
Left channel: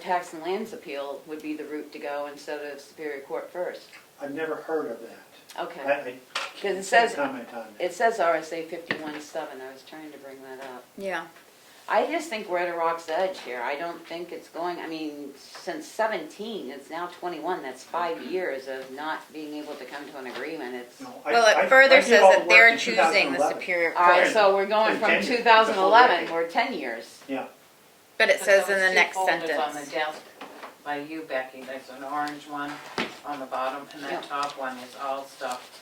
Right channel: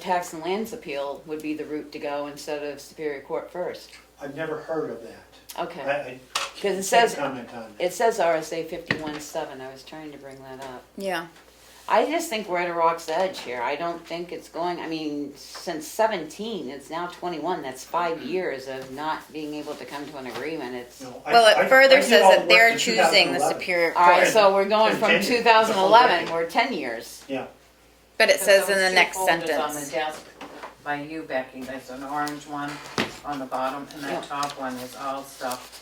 Tax and Lands Appeal would be the route to go instead of Superior Court first? I've never heard of that. Okay, I because it says comment on it. it says RSA 51.7. I was trying to bring that up. Yeah. I just think we're at a rock's edge here. I don't think it's going, I mean, since 17, it's now 21. That's 5 years of not being able to come to an agreement. It's, No, Well, I it further did says all the that work they're in choosing the 2011. Superior all right, Court. so we're going from Continue. 2011, we're 10 years. Yeah. But it says in Those the two next folders sentence. on the desk by you, Becky, there's an orange one on the bottom, and Yeah. that top one is all stuff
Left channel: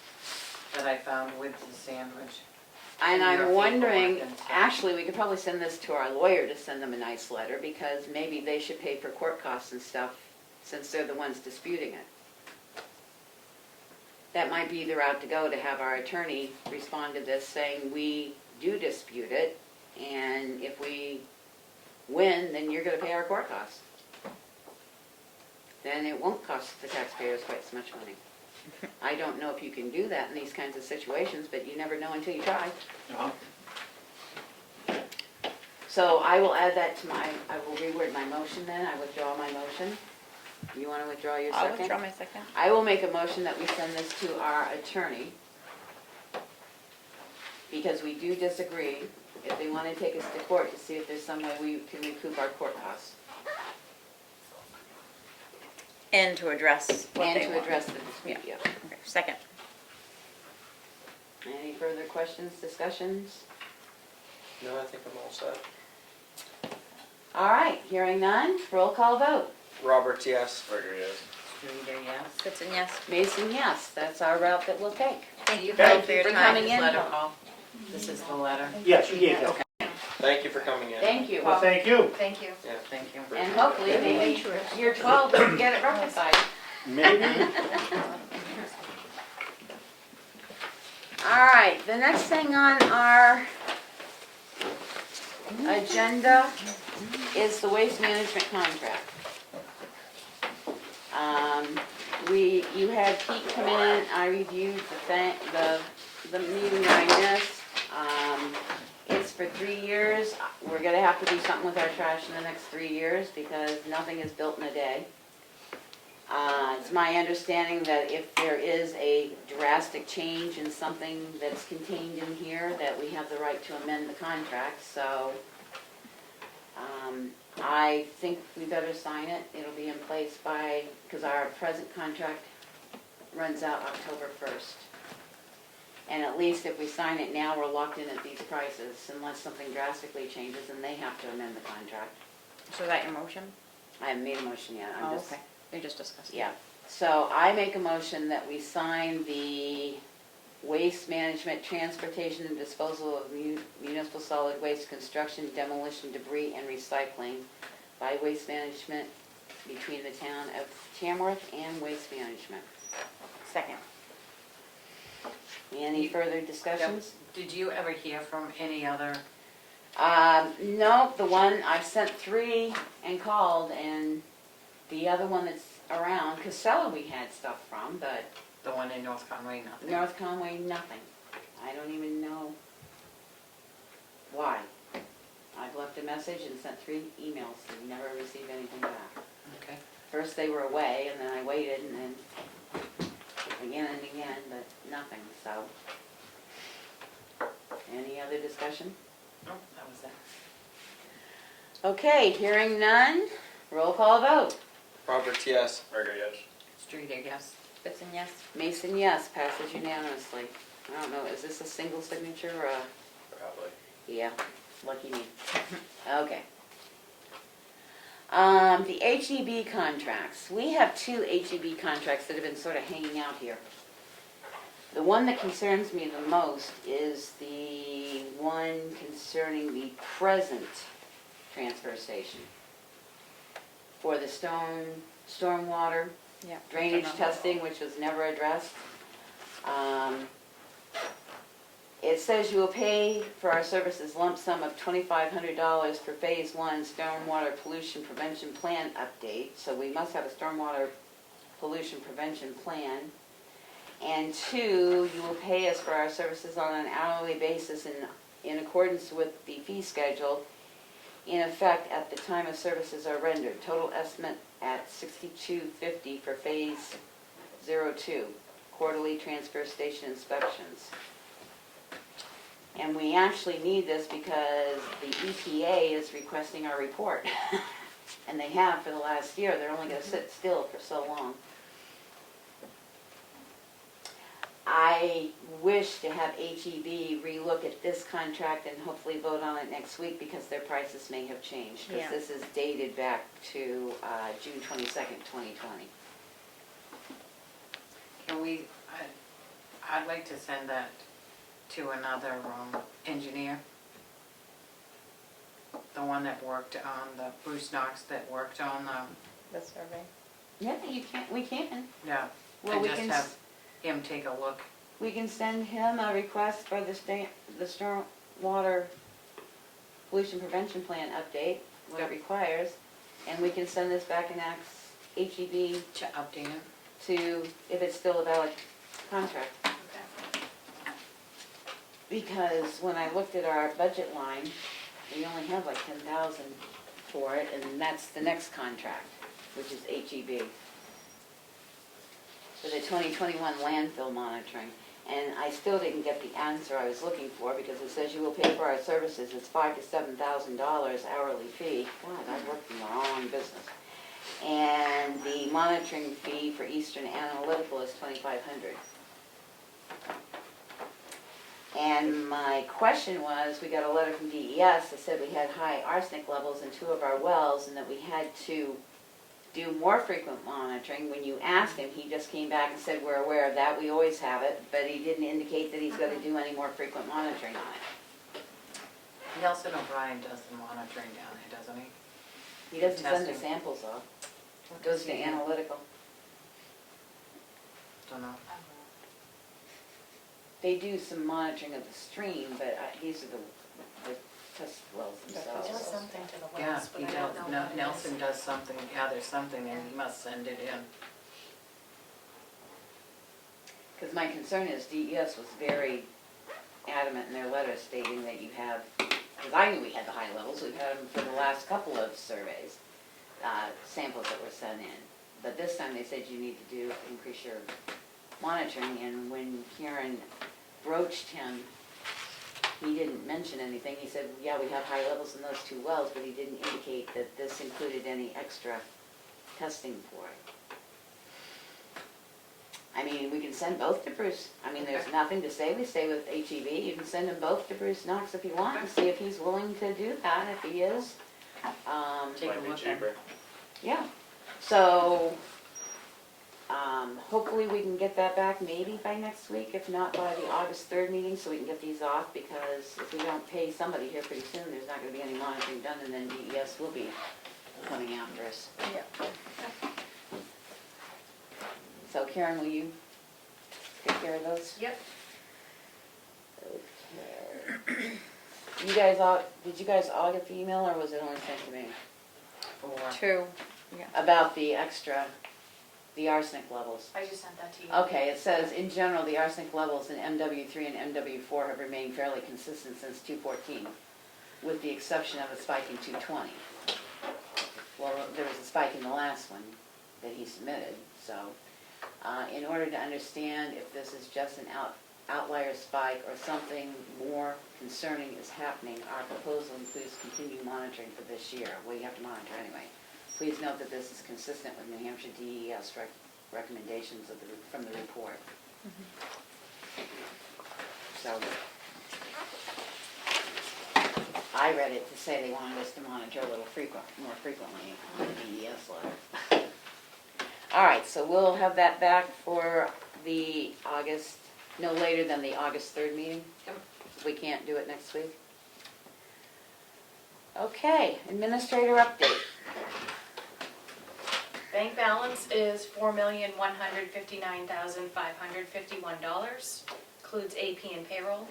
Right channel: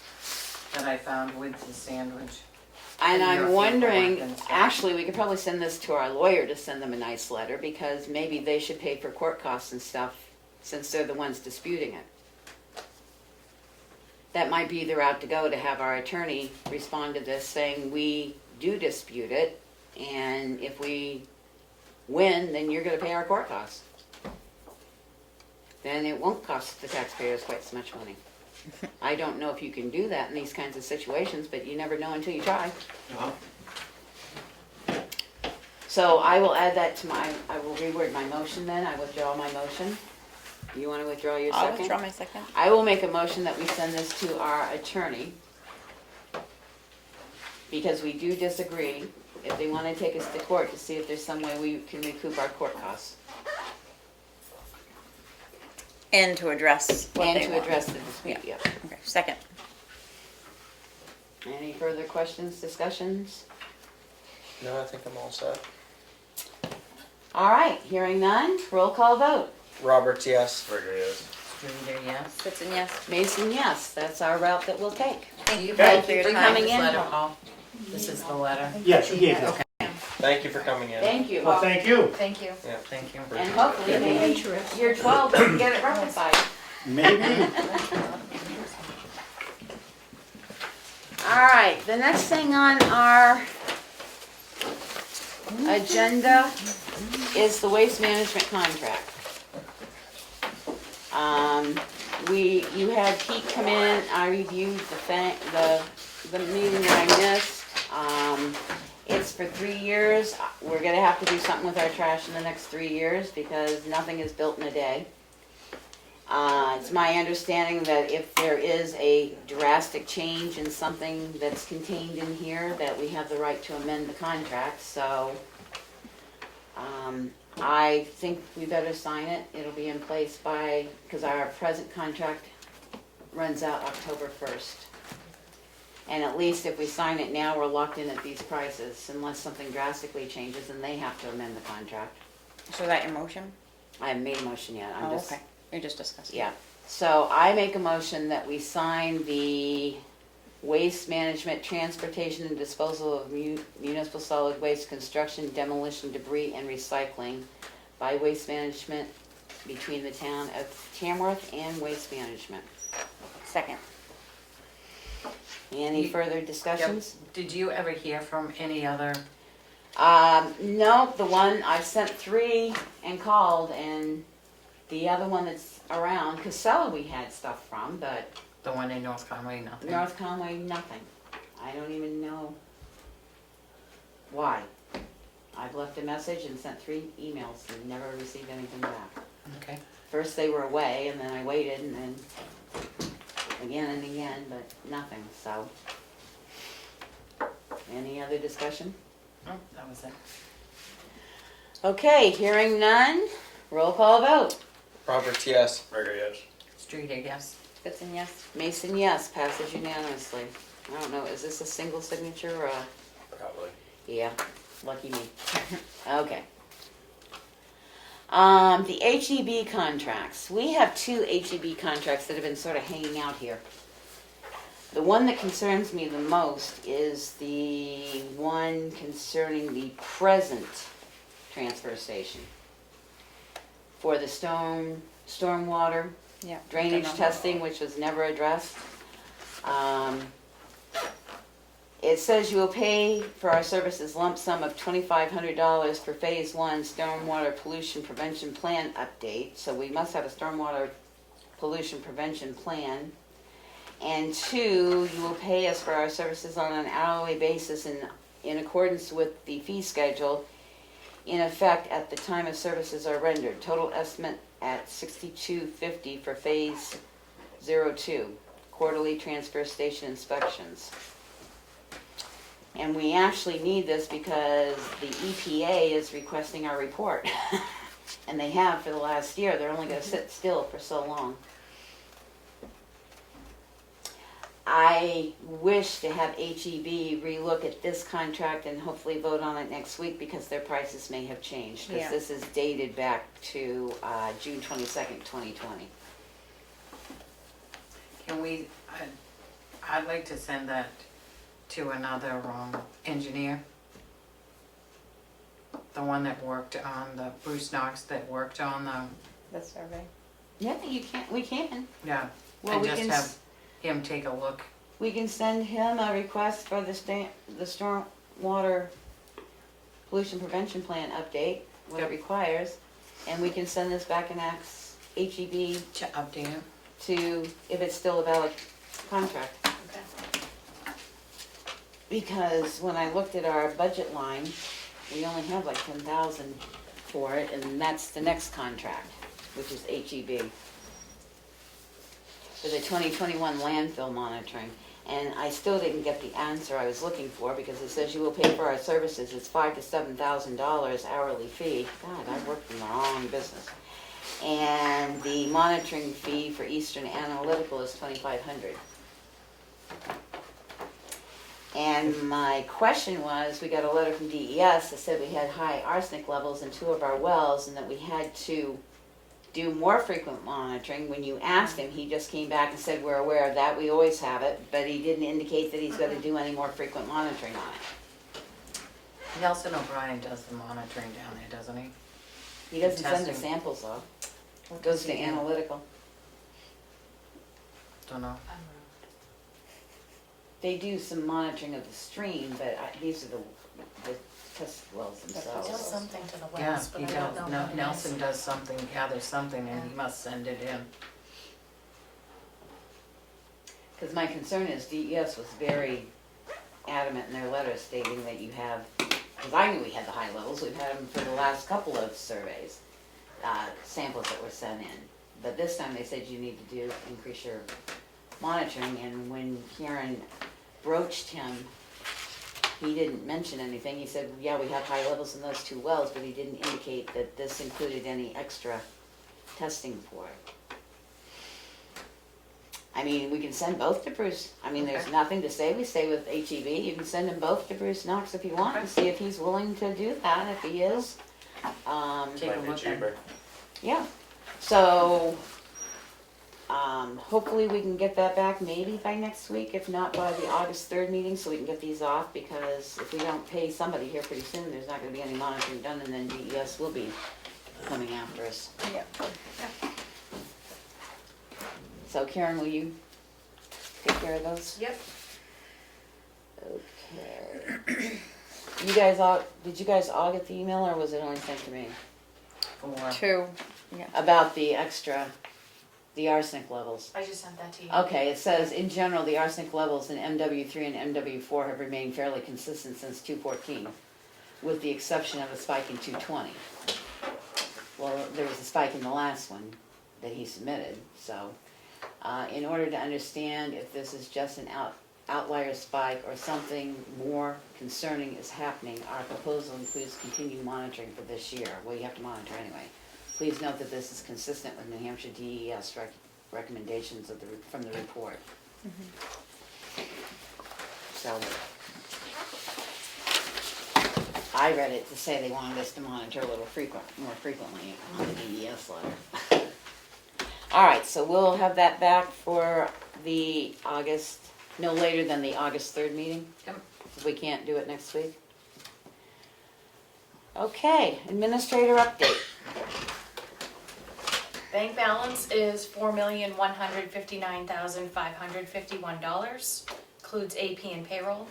that I found with the sandwich. And And your I'm wondering, paperwork and stuff. actually, we could probably send this to our lawyer to send them a nice letter, because maybe they should pay for court costs and stuff, since they're the ones disputing it. That might be the route to go, to have our attorney respond to this, saying we do dispute it, and if we win, then you're gonna pay our court costs. Then it won't cost the taxpayers quite so much money. I don't know if you can do that in these kinds of situations, but you never know until you try. So I will add that to I will reword my motion then, I withdraw my motion. You wanna withdraw your I'll second? withdraw my second. I will make a motion that we send this to our attorney, because we do disagree, if they wanna take us to court to see if there's some way we can recoup our court costs. And to address what And they to want. address the dispute, yeah. Okay, second. Any further questions, discussions? No, I think I'm all set. All right, hearing none, roll call vote. Roberts, yes. Rigger, yes. Streeter, yes. Sitson, yes. Mason, yes, that's our route that we'll take. Thank you Okay. both for your For time. coming in. Letter, Paul. This is the letter. Yes, you gave that. Thank you for coming in. Thank you. Well, thank you. Thank you. Yeah. Thank you. And hopefully maybe year 12 we can get it rectified. Maybe. All right, the next thing on our agenda is the waste management contract. You had Pete come in, I reviewed the meeting that I missed. It's for 3 years. We're gonna have to do something with our trash in the next 3 years, because nothing is built in a day. It's my understanding that if there is a drastic change in something that's contained in here, that we have the right to amend the contract, so I think we better sign it. It'll be in place because our present contract runs out October 1st. And at least if we sign it now, we're locked in at these prices, unless something drastically changes and they have to amend the contract. So that your motion? I haven't made a motion yet, I'm Oh, just. okay. You're just discussing. Yeah, so I make a motion that we sign the waste management, transportation, and disposal of municipal solid waste, construction, demolition, debris, and recycling by Waste Management between the town of Tamworth and Waste Management. Second. Any further discussions? Did you ever hear from any other? No, the one, I sent 3 and called, and the other one that's around, Casella we had stuff from, but The one in North Conway, nothing? North Conway, nothing. I don't even know why. I've left a message and sent 3 emails and never received anything back. Okay. First they were away, and then I waited, and then again and again, but nothing, so. Any other discussion? Oh, that was it. Okay, hearing none, roll call vote. Roberts, yes. Rigger, yes. Streeter, yes. Sitson, yes. Mason, yes, passes unanimously. I don't know, is this a single signature or a? Probably. Yeah, lucky me. Okay. The HEB contracts. We have 2 HEB contracts that have been sort of hanging out here. The one that concerns me the most is the one concerning the present transfer station for the stormwater Yeah. drainage testing, which was never addressed. It says you will pay for our services lump sum of $2,500 for Phase 1 Stormwater Pollution Prevention Plan update. So we must have a stormwater pollution prevention plan. And 2, you will pay us for our services on an hourly basis in accordance with the fee schedule in effect at the time of services are rendered. Total estimate at $62.50 for Phase 02, quarterly transfer station inspections. And we actually need this because the EPA is requesting our report. And they have for the last year. They're only going to sit still for so long. I wish to have HEB relook at this contract and hopefully vote on it next week, because their prices may have changed. Because Yeah. this is dated back to June 22nd, 2020. Can we, I'd like to send that to another engineer. The one that worked on Bruce Knox that worked on The survey. Yeah, we can. yeah, Well, and we just can have him take a look. We can send him a request for the stormwater pollution prevention plan update, what it Yep. requires, and we can send this back and ask HEB To update it. to, if it's still a valid contract. Okay. Because when I looked at our budget line, we only have like 10,000 for it, and that's the next contract, which is HEB. For the 2021 landfill monitoring. And I still didn't get the answer I was looking for, because it says you will pay for our services, it's $5,000 to $7,000 hourly fee. God, I worked in the wrong business. And the monitoring fee for Eastern Analytical is $2,500. And my question was, we got a letter from DES that said we had high arsenic levels in 2 of our wells, and that we had to do more frequent monitoring. When you asked him, he just came back and said, we're aware of that, we always have it, but he didn't indicate that he's gonna do any more frequent monitoring on it. Nelson O'Brien does the monitoring down there, doesn't he? He doesn't send the Testing. samples off, it goes to analytical. Don't know. They do some monitoring of the stream, but these are the test wells He themselves. does something to the Yeah, wells, but he I don't know does, what it is. Nelson does something, gathers something, and he must send it in. Because my concern is DES was very adamant in their letter stating that you have, because I knew we had the high levels, we've had them for the last couple of surveys, samples that were sent in. But this time they said you need to increase your monitoring, and when Karen broached him, he didn't mention anything. He said, yeah, we have high levels in those 2 wells, but he didn't indicate that this included any extra testing for it. I mean, we can send both to Bruce. I mean, there's Okay. nothing to say. We stay with HEB. You can send them both to Bruce Knox if you want, and see if he's willing to do that. If he is, Take a Might be look at cheaper. yeah. So, hopefully we can get that back maybe by next week, if not by the August 3rd meeting, so we can get these off, because if we don't pay somebody here pretty soon, there's not gonna be any monitoring done, and then DES will be coming after us. Yeah. So Karen, will you take care of those? Yep. Okay. Did you guys all get the email, or was it only sent to me? For, 2. About the arsenic levels? I just sent that to you. Okay, it says, in general, the arsenic levels in MW3 and MW4 have remained fairly consistent since 2014, with the exception of a spike in 2020. Well, there was a spike in the last one that he submitted, so in order to understand if this is just an outlier spike or something more concerning is happening, our proposal includes continued monitoring for this year. Well, you have to monitor anyway. Please note that this is consistent with New Hampshire DES recommendations from the report. So, I read it to say they wanted us to monitor a little more frequently on the DES letter. All right, so we'll have that back for the no later than the August 3rd meeting, if we can't do it next week. Okay, administrator update. Bank balance is $4,159,551, includes AP and payroll.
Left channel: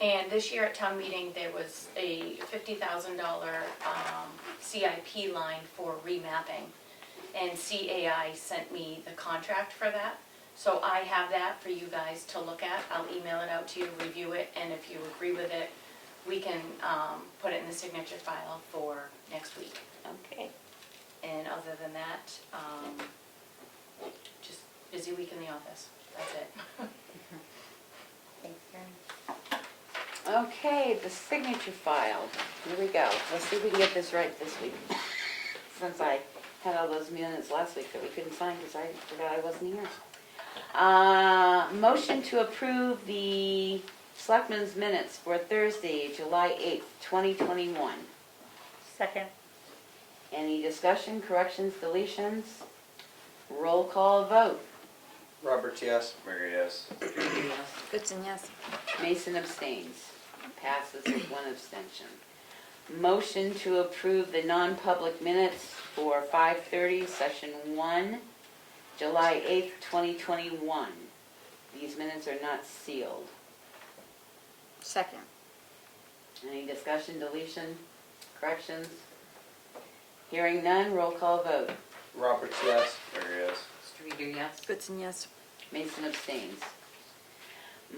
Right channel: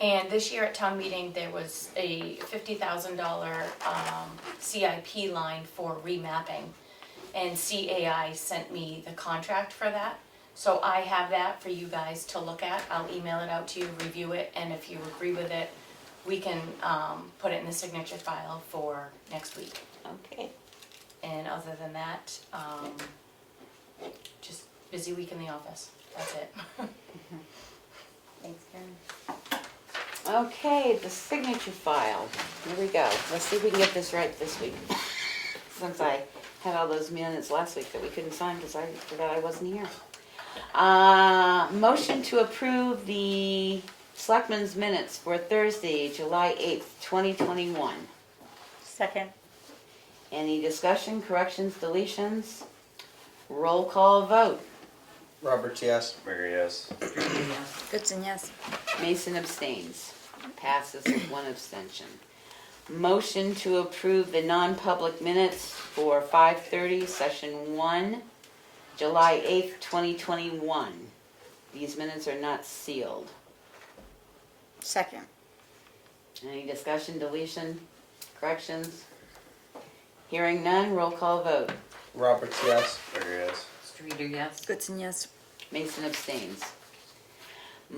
And this year at town meeting, there was a $50,000 CIP line for remapping. And CAI sent me the contract for that. So I have that for you guys to look at. I'll email it out to you, review it, and if you agree with it, we can put it in the signature file for next week. Okay. And other than that, just busy week in the office. That's it. Thanks, Karen. Okay, the signature file. Here we go. Let's see if we can get this right this week. Since I had all those minutes last week that we couldn't sign because I forgot I wasn't here. Motion to approve the Selectmen's minutes for Thursday, July 8th, 2021. Second. Any discussion, corrections, deletions? Roll call vote. Roberts, yes. Berger, yes. Streeter, yes. Goodson, yes. Mason abstains. Passes with one abstention. Motion to approve the non-public minutes for 5:30, session 1, July 8th, 2021. These minutes are not sealed. Second. Any discussion, deletion, corrections? Hearing none, roll call vote. Roberts, yes. Berger, yes. Streeter, yes. Goodson, yes. Mason abstains.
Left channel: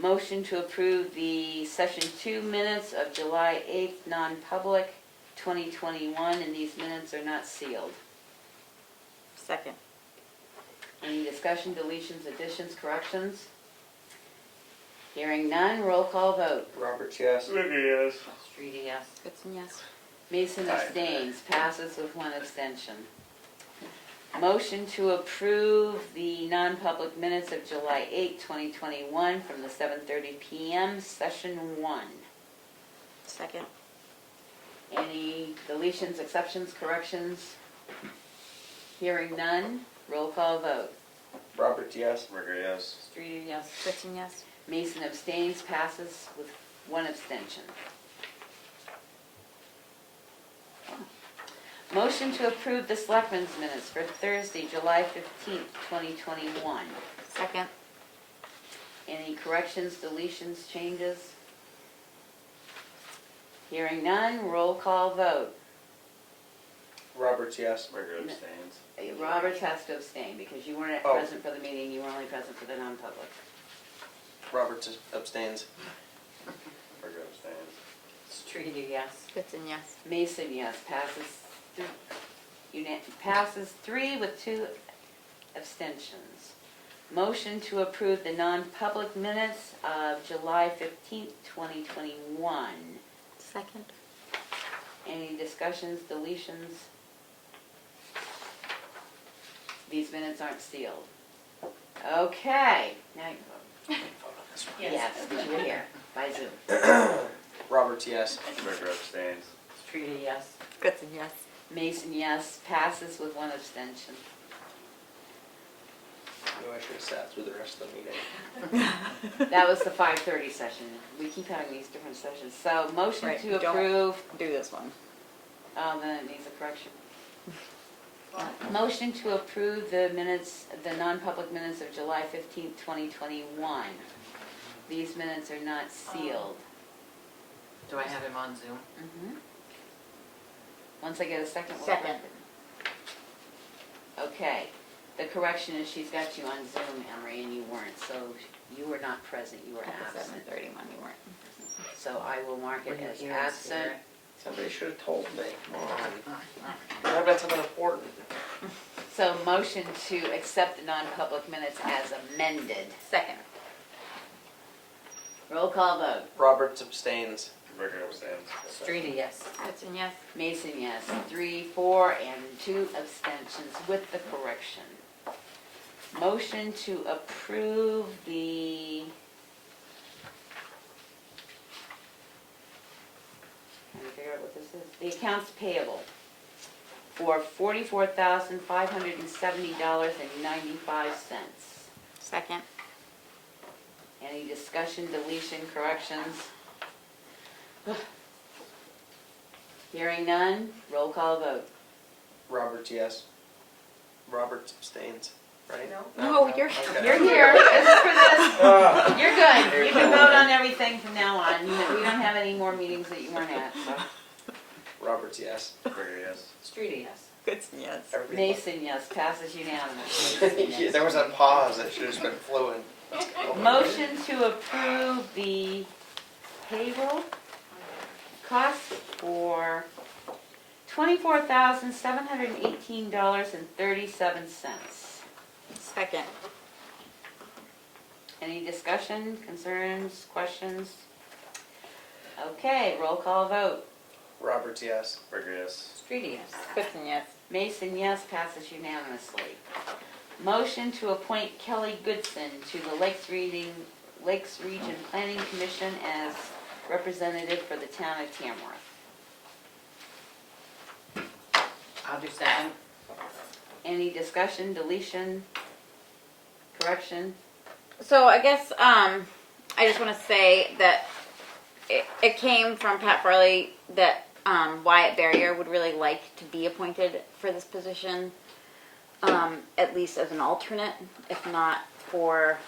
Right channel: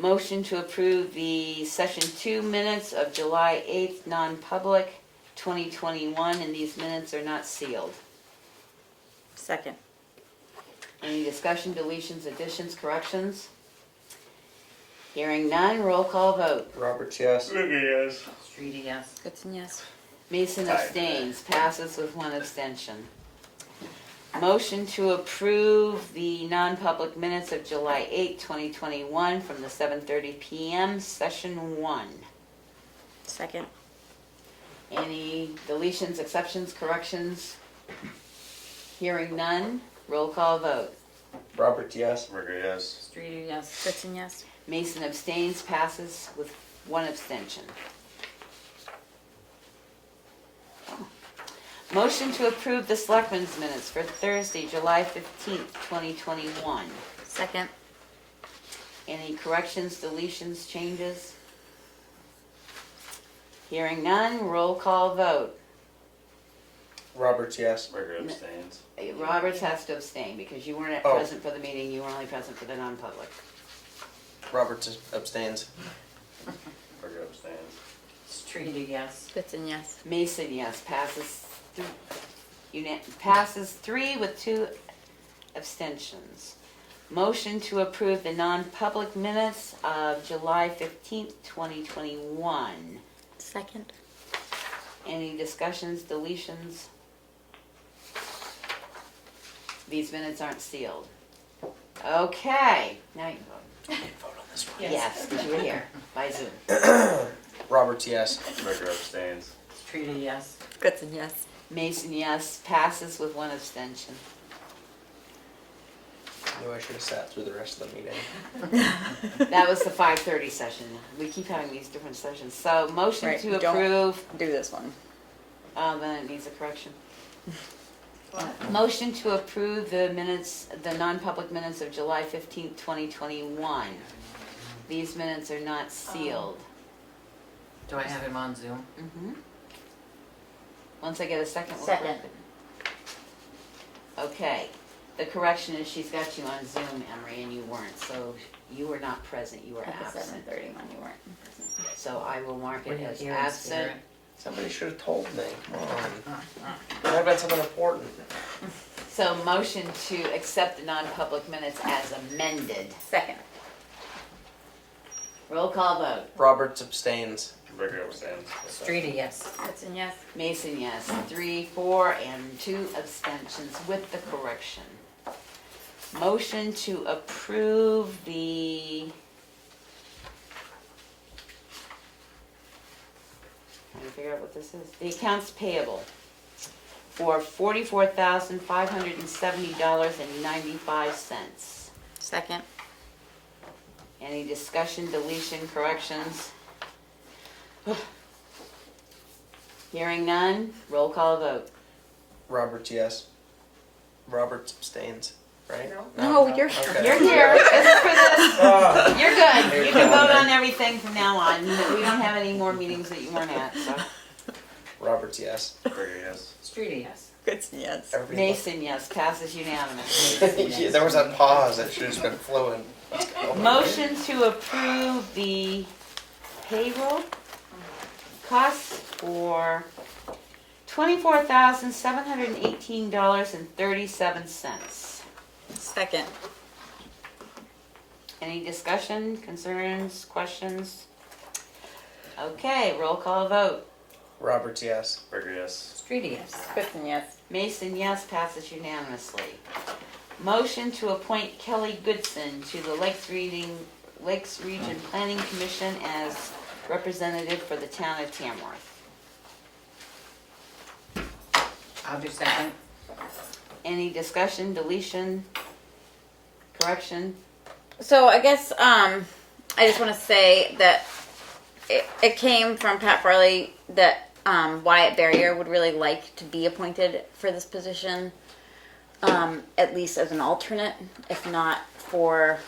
Motion to approve the session 2 minutes of July 8th, non-public, 2021, and these minutes are not sealed. Second. Any discussion, deletions, additions, corrections? Hearing none, roll call vote. Roberts, yes. Berger, yes. Streeter, yes. Goodson, yes. Mason Aye. abstains, passes with one abstention. Motion to approve the non-public minutes of July 8, 2021 from the 7:30 PM, session 1. Second. Any deletions, exceptions, corrections? Hearing none, roll call vote. Roberts, yes. Berger, yes. Streeter, yes. Goodson, yes. Mason abstains, passes with one abstention. Motion to approve the Selectmen's minutes for Thursday, July 15th, 2021. Second. Any corrections, deletions, changes? Hearing none, roll call vote. Roberts, yes. Berger abstains. Roberts has to abstain because you weren't Oh. present for the meeting, you were only present for the non-public. Roberts abstains. Berger abstains. Streeter, yes. Goodson, yes. Mason, yes, passes 3 with 2 abstentions. Motion to approve the non-public minutes of July 15th, 2021. Second. Any discussions, deletions? These minutes aren't sealed. Okay, now you can vote. Vote on this one. Yes, because you were here by Zoom. Roberts, yes. Berger abstains. Streeter, yes. Goodson, yes. Mason, yes, passes with 1 abstention. Knew I should have sat through the rest of the meeting. That was the 5:30 session. We keep having these different sessions. So motion Right, to don't- approve, Do this one. then it needs a correction. Motion to approve the minutes, the non-public minutes of July 15th, 2021. These minutes are not sealed. Do I have him on Zoom? Mhm. Once I get a second. we'll- Second. Okay, the correction is she's got you on Zoom, Emery, and you weren't, so you were not present, you were At the absent. 7:31 you weren't. So I will mark Were it you as here in absent. spirit? Somebody should have told me. Come on. I've got something important. So motion to accept the non-public minutes as amended. Second. Roll call vote. Roberts abstains. Berger abstains. Streeter, yes. Goodson, yes. Mason, yes. 3, 4, and 2 abstentions with the correction. Motion to approve the... Trying to figure out what this is. The accounts payable for $44,570.95. Second. Any discussion, deletion, corrections? Hearing none, roll call vote. Roberts, yes. Roberts abstains, right? No, Okay. you're- Okay. You're here, this is for this. Ah, You're good. You're You can cool, vote man. on everything from now on. We don't have any more meetings that you weren't at, so. Roberts, yes. Berger, yes. Streeter, yes. Goodson, yes. Everybody Mason, yes, passes unanimously. yeah, there was that pause that should have just been fluent. Let's go. Motion to approve the payroll costs for $24,718.37. Second. Any discussion, concerns, questions? Okay, roll call vote. Roberts, yes. Berger, yes. Streeter, yes. Goodson, yes. Mason, yes, passes unanimously. Motion to appoint Kelly Goodson to the Lakes Region Planning Commission as representative for the town of Tamworth. I'll do second. Any discussion, deletion, correction? So I guess I just want to say that it came from Pat Farley that Wyatt Barrier would really like to be appointed for this position, at least as an alternate, if not for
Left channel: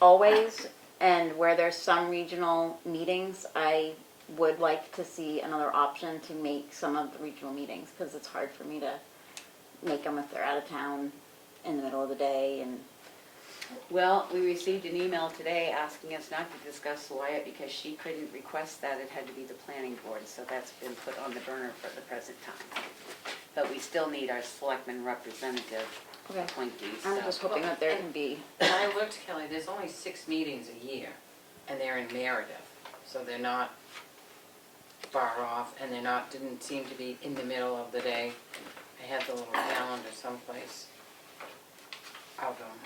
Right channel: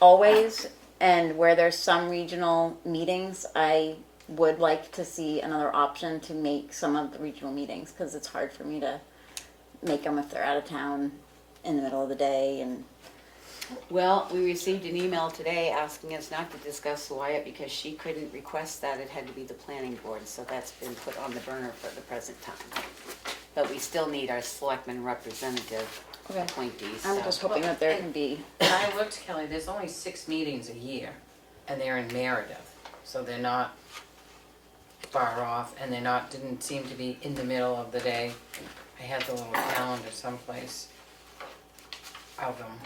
always. And where there's some regional meetings, I would like to see another option to make some of the regional meetings, because it's hard for me to make them if they're out of town in the middle of the day. And Well, we received an email today asking us not to discuss Wyatt because she couldn't request that. It had to be the planning board, so that's been put on the burner for the present time. But we still need our selectman representative Okay. appointees. I'm so- just hoping that there can be. And I looked, Kelly, there's only 6 meetings a year, and they're in Meredith, so they're not far off, and they're not, didn't seem to be in the middle of the day. I had the little calendar someplace of them.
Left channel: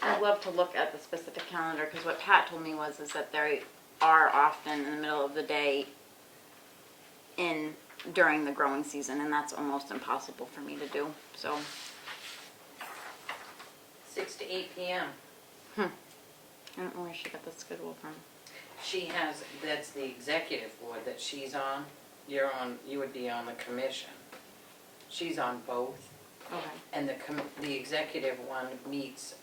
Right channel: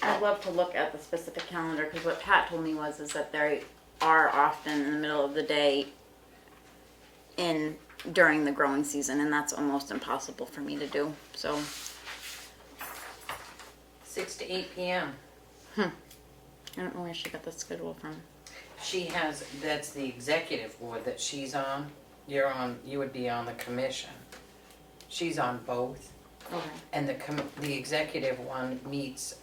I'd love to look at the specific calendar, because what Pat told me was is that they are often in the middle of the day during the growing season, and that's almost impossible for me to do. So 6 to 8 p.m. I don't know where she got the schedule from. She has, that's the executive board that she's on. You're on, you would be on the commission. She's on both. And the executive one meets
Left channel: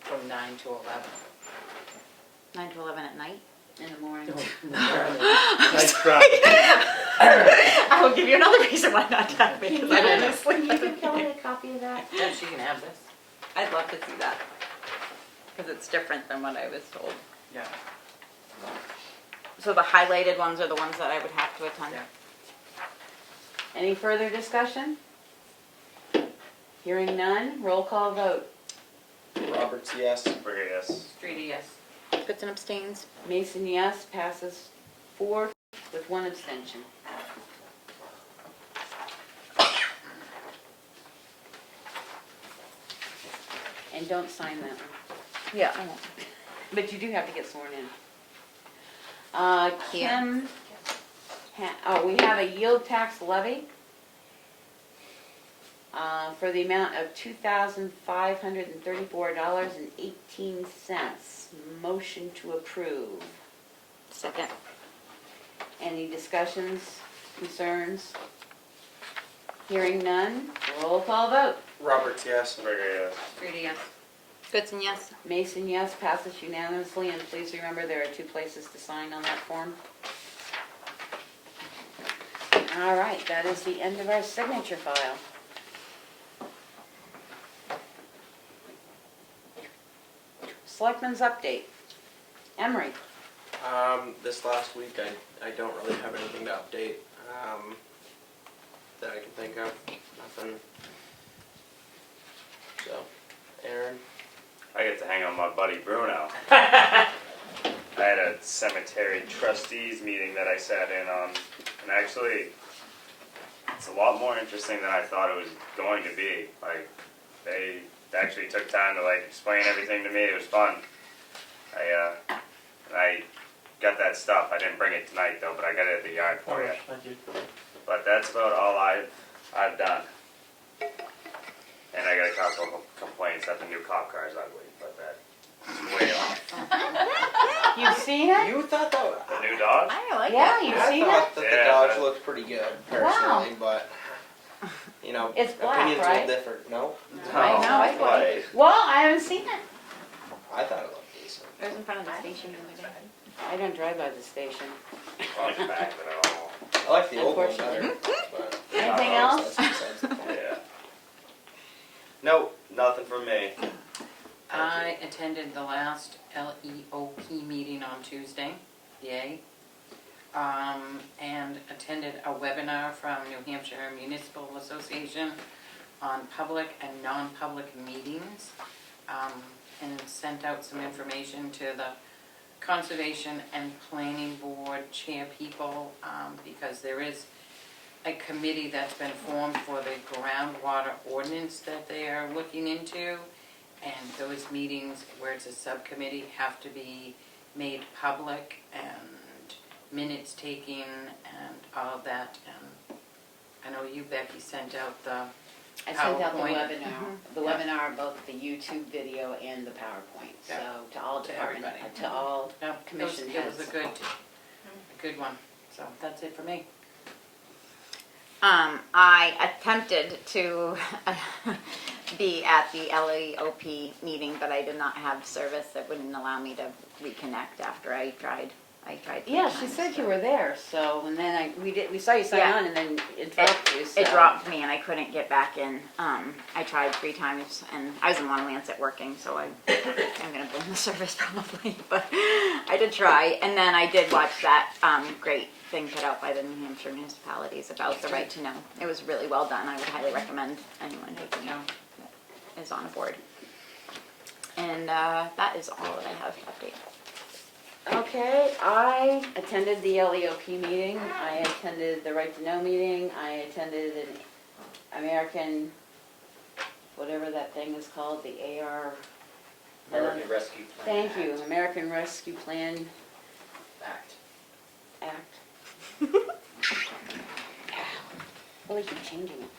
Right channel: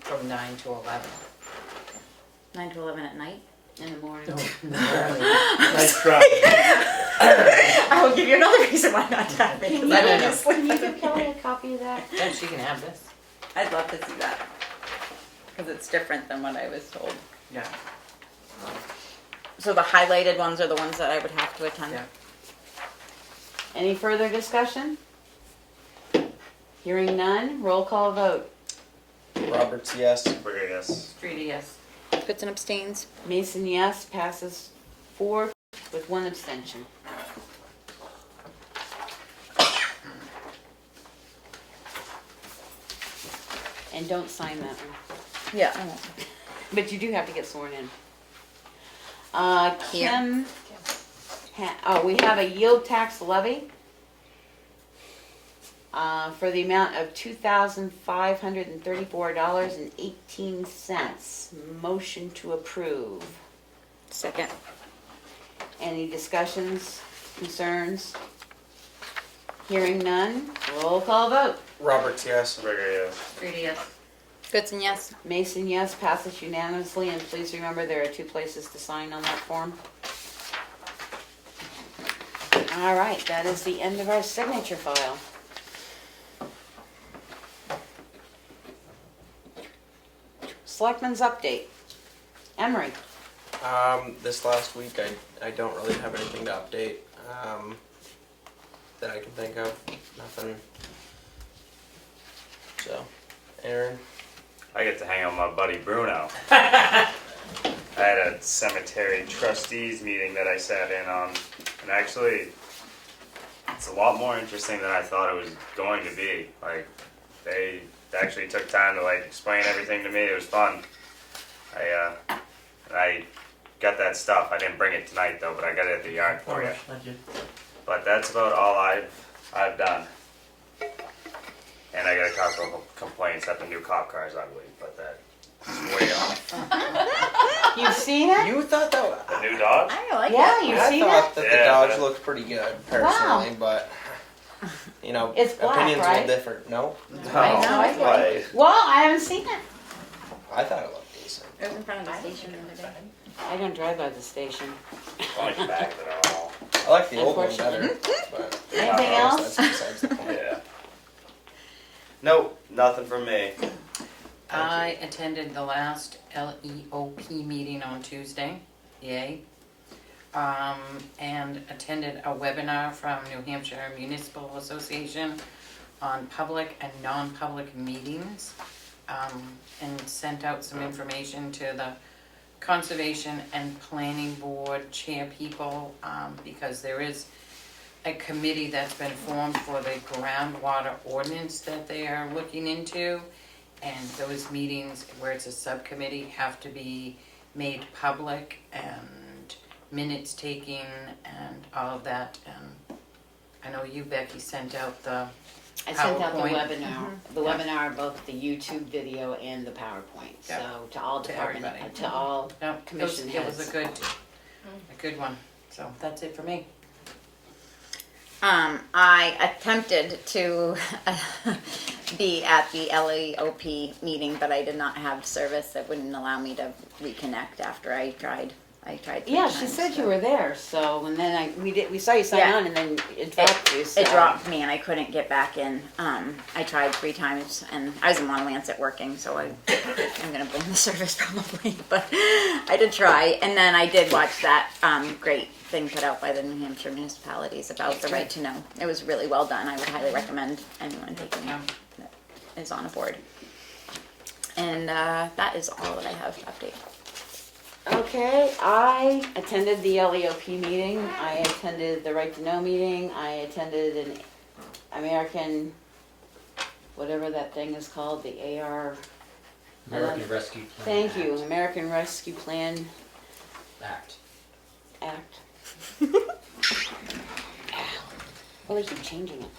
from 9 to 11. 9 to 11 at night? In the morning. Nice try. I will give you another reason why not to have it. Can you give Kelly a copy of that? Yeah, she can have this. I'd love to see that, because it's different than what I was told. Yeah. So the highlighted ones are the ones that I would have to attend. Yeah. Any further discussion? Hearing none, roll call vote. Roberts, yes. Burger, yes. Streety, yes. Goodson abstains. Mason, yes, passes 4 with 1 abstention. And don't sign that one. Yeah, I won't. But you do have to get sworn in. Here. Kim, we have a yield tax levy for the amount of $2,534.18. Motion to approve. Second. Any discussions, concerns? Hearing none, roll call vote. Roberts, yes. Burger, yes. Streety, yes. Goodson, yes. Mason, yes, passes unanimously, and please remember there are 2 places to sign on that form. All right, that is the end of our signature file. Selectmen's update. Emery. This last week, I don't really have anything to update that I can think of. Nothing. So, Aaron. I get to hang out with my buddy Bruno. I had a cemetery trustees meeting that I sat in on, and actually, it's a lot more interesting than I thought it was going to be. Like, they actually took time to explain everything to me. It was fun. I got that stuff. I didn't bring it tonight though, but I got it at the yard for you. But that's about all I've done. And I got a couple of complaints that the new cop car is ugly, but that's way off. You've seen it? You thought that was... The new dog? I like Yeah, it. you've I seen it? thought that the Yeah, dogs but- looked pretty good, personally, but, you know, It's black, opinions right? are different. No? No, I why? Well, I haven't seen it. I thought it looked decent. I was in front of the station the other day. I don't drive by the station. I like the back of it all. I like the old one better, but... Anything else? That's besides the point. Yeah. Nope, nothing from me. I attended the last LEOP meeting on Tuesday, yay. And attended a webinar from New Hampshire Municipal Association on public and non-public meetings, and sent out some information to the Conservation and Planning Board chair people, because there is a committee that's been formed for the groundwater ordinance that they are looking into. And those meetings where it's a subcommittee have to be made public, and minutes taking and all of that. And I know you, Becky, sent out the I sent out the PowerPoint. webinar, Yeah. both the YouTube video and the PowerPoint, Yep. so to all To department, everybody. to all No, commission it was heads. a good one. So that's it for me. I attempted to be at the LEOP meeting, but I did not have service that wouldn't allow me to reconnect after I tried. I tried. 3 Yeah, she times, said so. you were there, so, and then we saw you sign Yeah. on and then it dropped you, so. It dropped me and I couldn't get back in. I tried 3 times and I was in Long Lancet working, so I'm gonna bring the service probably, but I did try. And then I did watch that great thing put out by the New Hampshire municipalities about the right to know. It was really well done. I would highly recommend anyone taking Yeah. it that is on a board. And that is all that I have to update. Okay, I attended the LEOP meeting, I attended the Right to Know meeting, I attended an American, whatever that thing is called, the AR. American Rescue Plan Thank you, American Rescue Plan Act. Act. Oh, they keep changing it.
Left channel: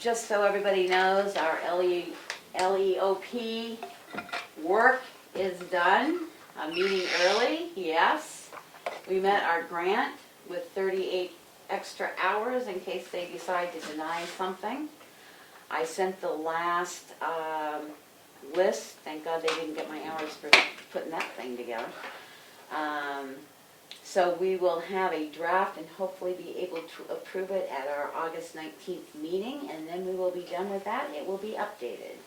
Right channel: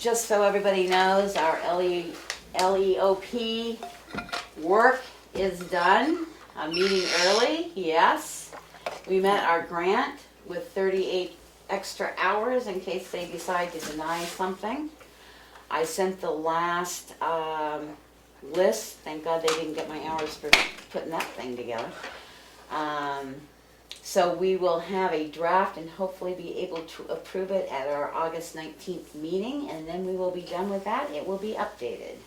Just so everybody knows, our LEOP work is done. A meeting early, yes. We met our grant with 38 extra hours in case they decide to deny something. I sent the last list. Thank God they didn't get my hours for putting that thing together. So we will have a draft and hopefully be able to approve it at our August 19th meeting, and then we will be done with that. It will be updated.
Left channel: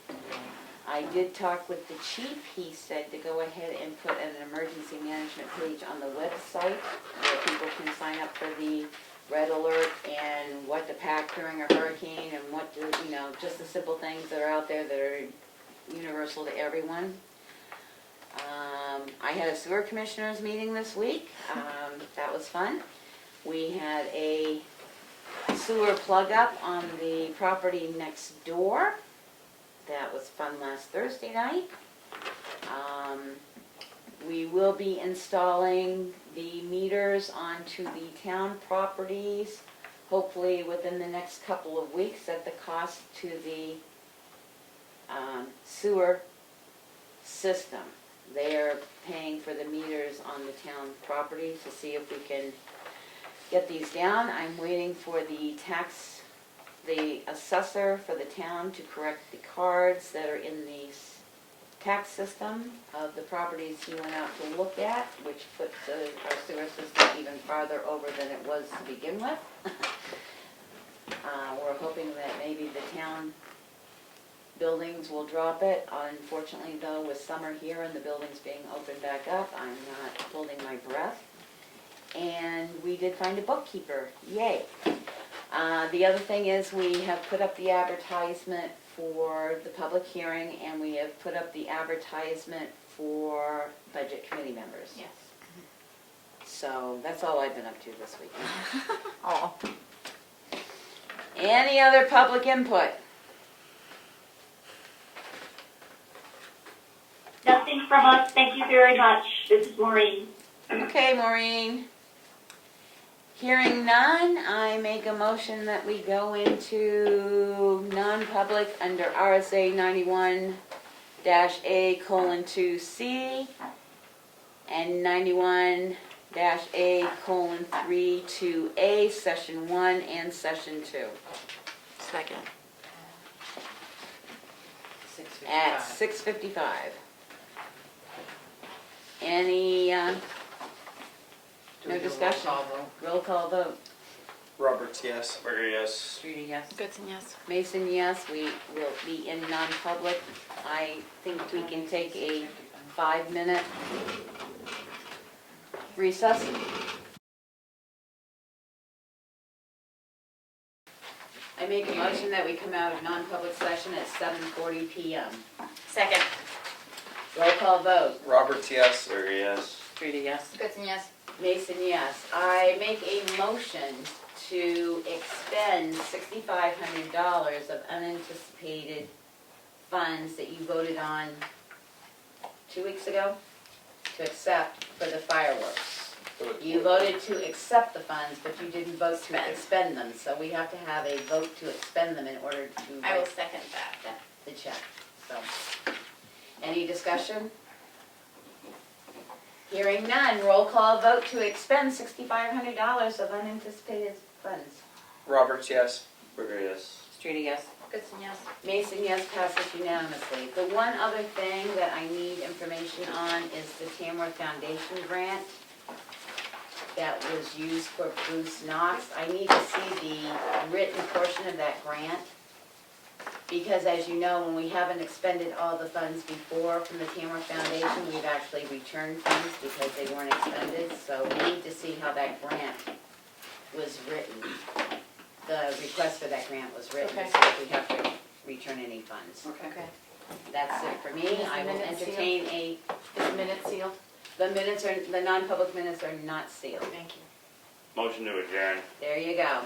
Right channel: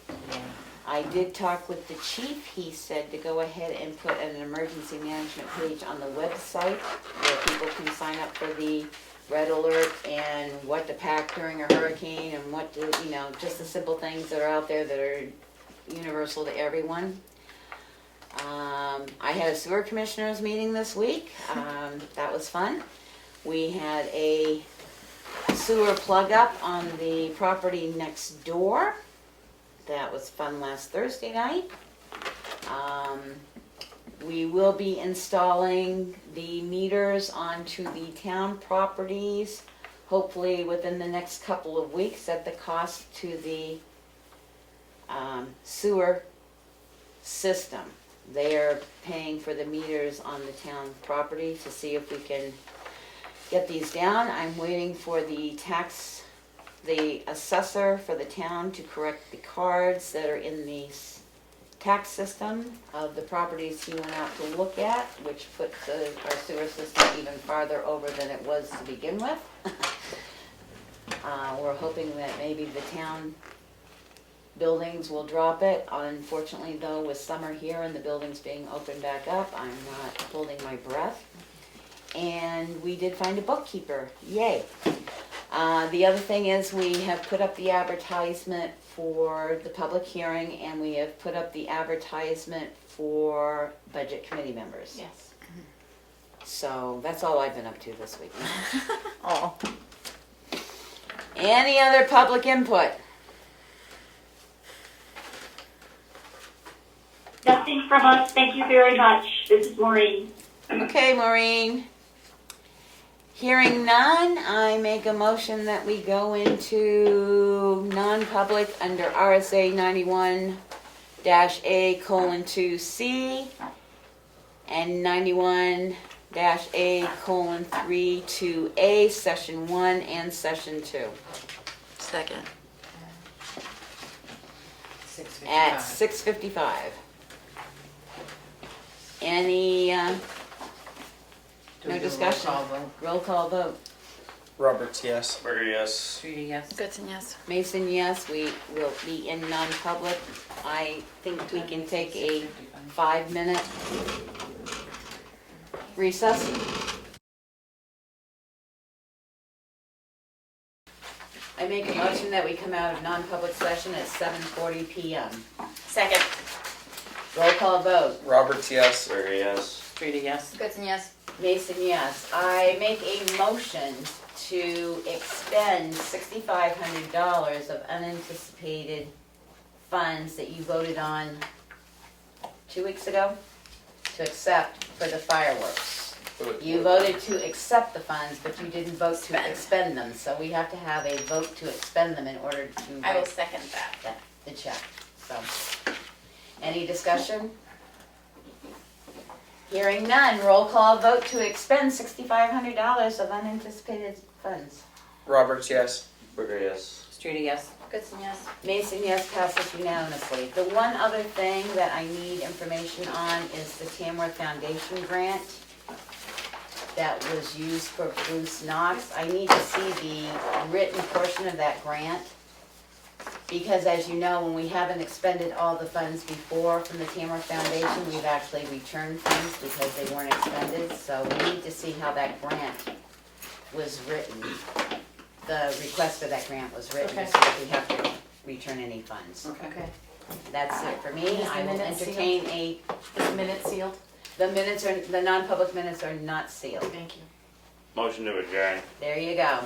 I did talk with the chief. He said to go ahead and put an emergency management page on the website where people can sign up for the red alert and what to pack during a hurricane and what to, just the simple things that are out there that are universal to everyone. I had a sewer commissioners meeting this week. That was fun. We had a sewer plug up on the property next door. That was fun last Thursday night. We will be installing the meters onto the town properties, hopefully within the next couple of weeks at the cost to the sewer system. They are paying for the meters on the town property to see if we can get these down. I'm waiting for the assessor for the town to correct the cards that are in the tax system of the properties he went out to look at, which puts our sewer system even farther over than it was to begin with. We're hoping that maybe the town buildings will drop it. Unfortunately though, with summer here and the buildings being opened back up, I'm not holding my breath. And we did find a bookkeeper, yay. The other thing is we have put up the advertisement for the public hearing and we have put up the advertisement for budget committee members. Yes. So that's all I've been up to this week. Oh. Any other public input? Nothing from us. Thank you very much. This is Maureen. Okay, Maureen. Hearing none, I make a motion that we go into non-public under RSA 91-A:2C and 91-A:3-2A, Session 1 and Session 2 Second. at 6:55. Any, no discussion? Roll call vote. Roberts, yes. Burger, yes. Streeter, yes. Goodson, yes. Mason, yes, we will be in non-public. I think we can take a 5-minute recess. I make a motion that we come out of non-public session at 7:40 PM. Second. Roll call vote. Roberts, yes. Burger, yes. Streeter, yes. Goodson, yes. Mason, yes. I make a motion to expend $6,500 of unanticipated funds that you voted on 2 weeks ago to accept for the fireworks. You voted to accept the funds, but you didn't vote to expend them, so we have to have a vote to expend them in order to I will write second that. the check, so. Any discussion? Hearing none, roll call vote to expend $6,500 of unanticipated funds. Roberts, yes. Burger, yes. Streeter, yes. Goodson, yes. Mason, yes, passes unanimously. The one other thing that I need information on is the Tamworth Foundation grant that was used for Bruce Knox. I need to see the written portion of that grant, because as you know, when we haven't expended all the funds before from the Tamworth Foundation, we've actually returned funds because they weren't expended, so we need to see how that grant was written. The request for that grant was written, Okay. so that we have to return any funds. Okay. That's it for me. Is the I will minutes entertain a, Is the minute sealed? the minutes are, the non-public minutes are not sealed. Thank you. Motion to adjourn. There you go.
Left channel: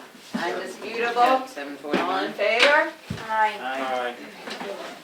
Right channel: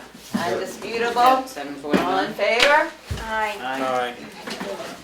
Undisputable. At 7:41. All in favor? Aye. Aye. Alright.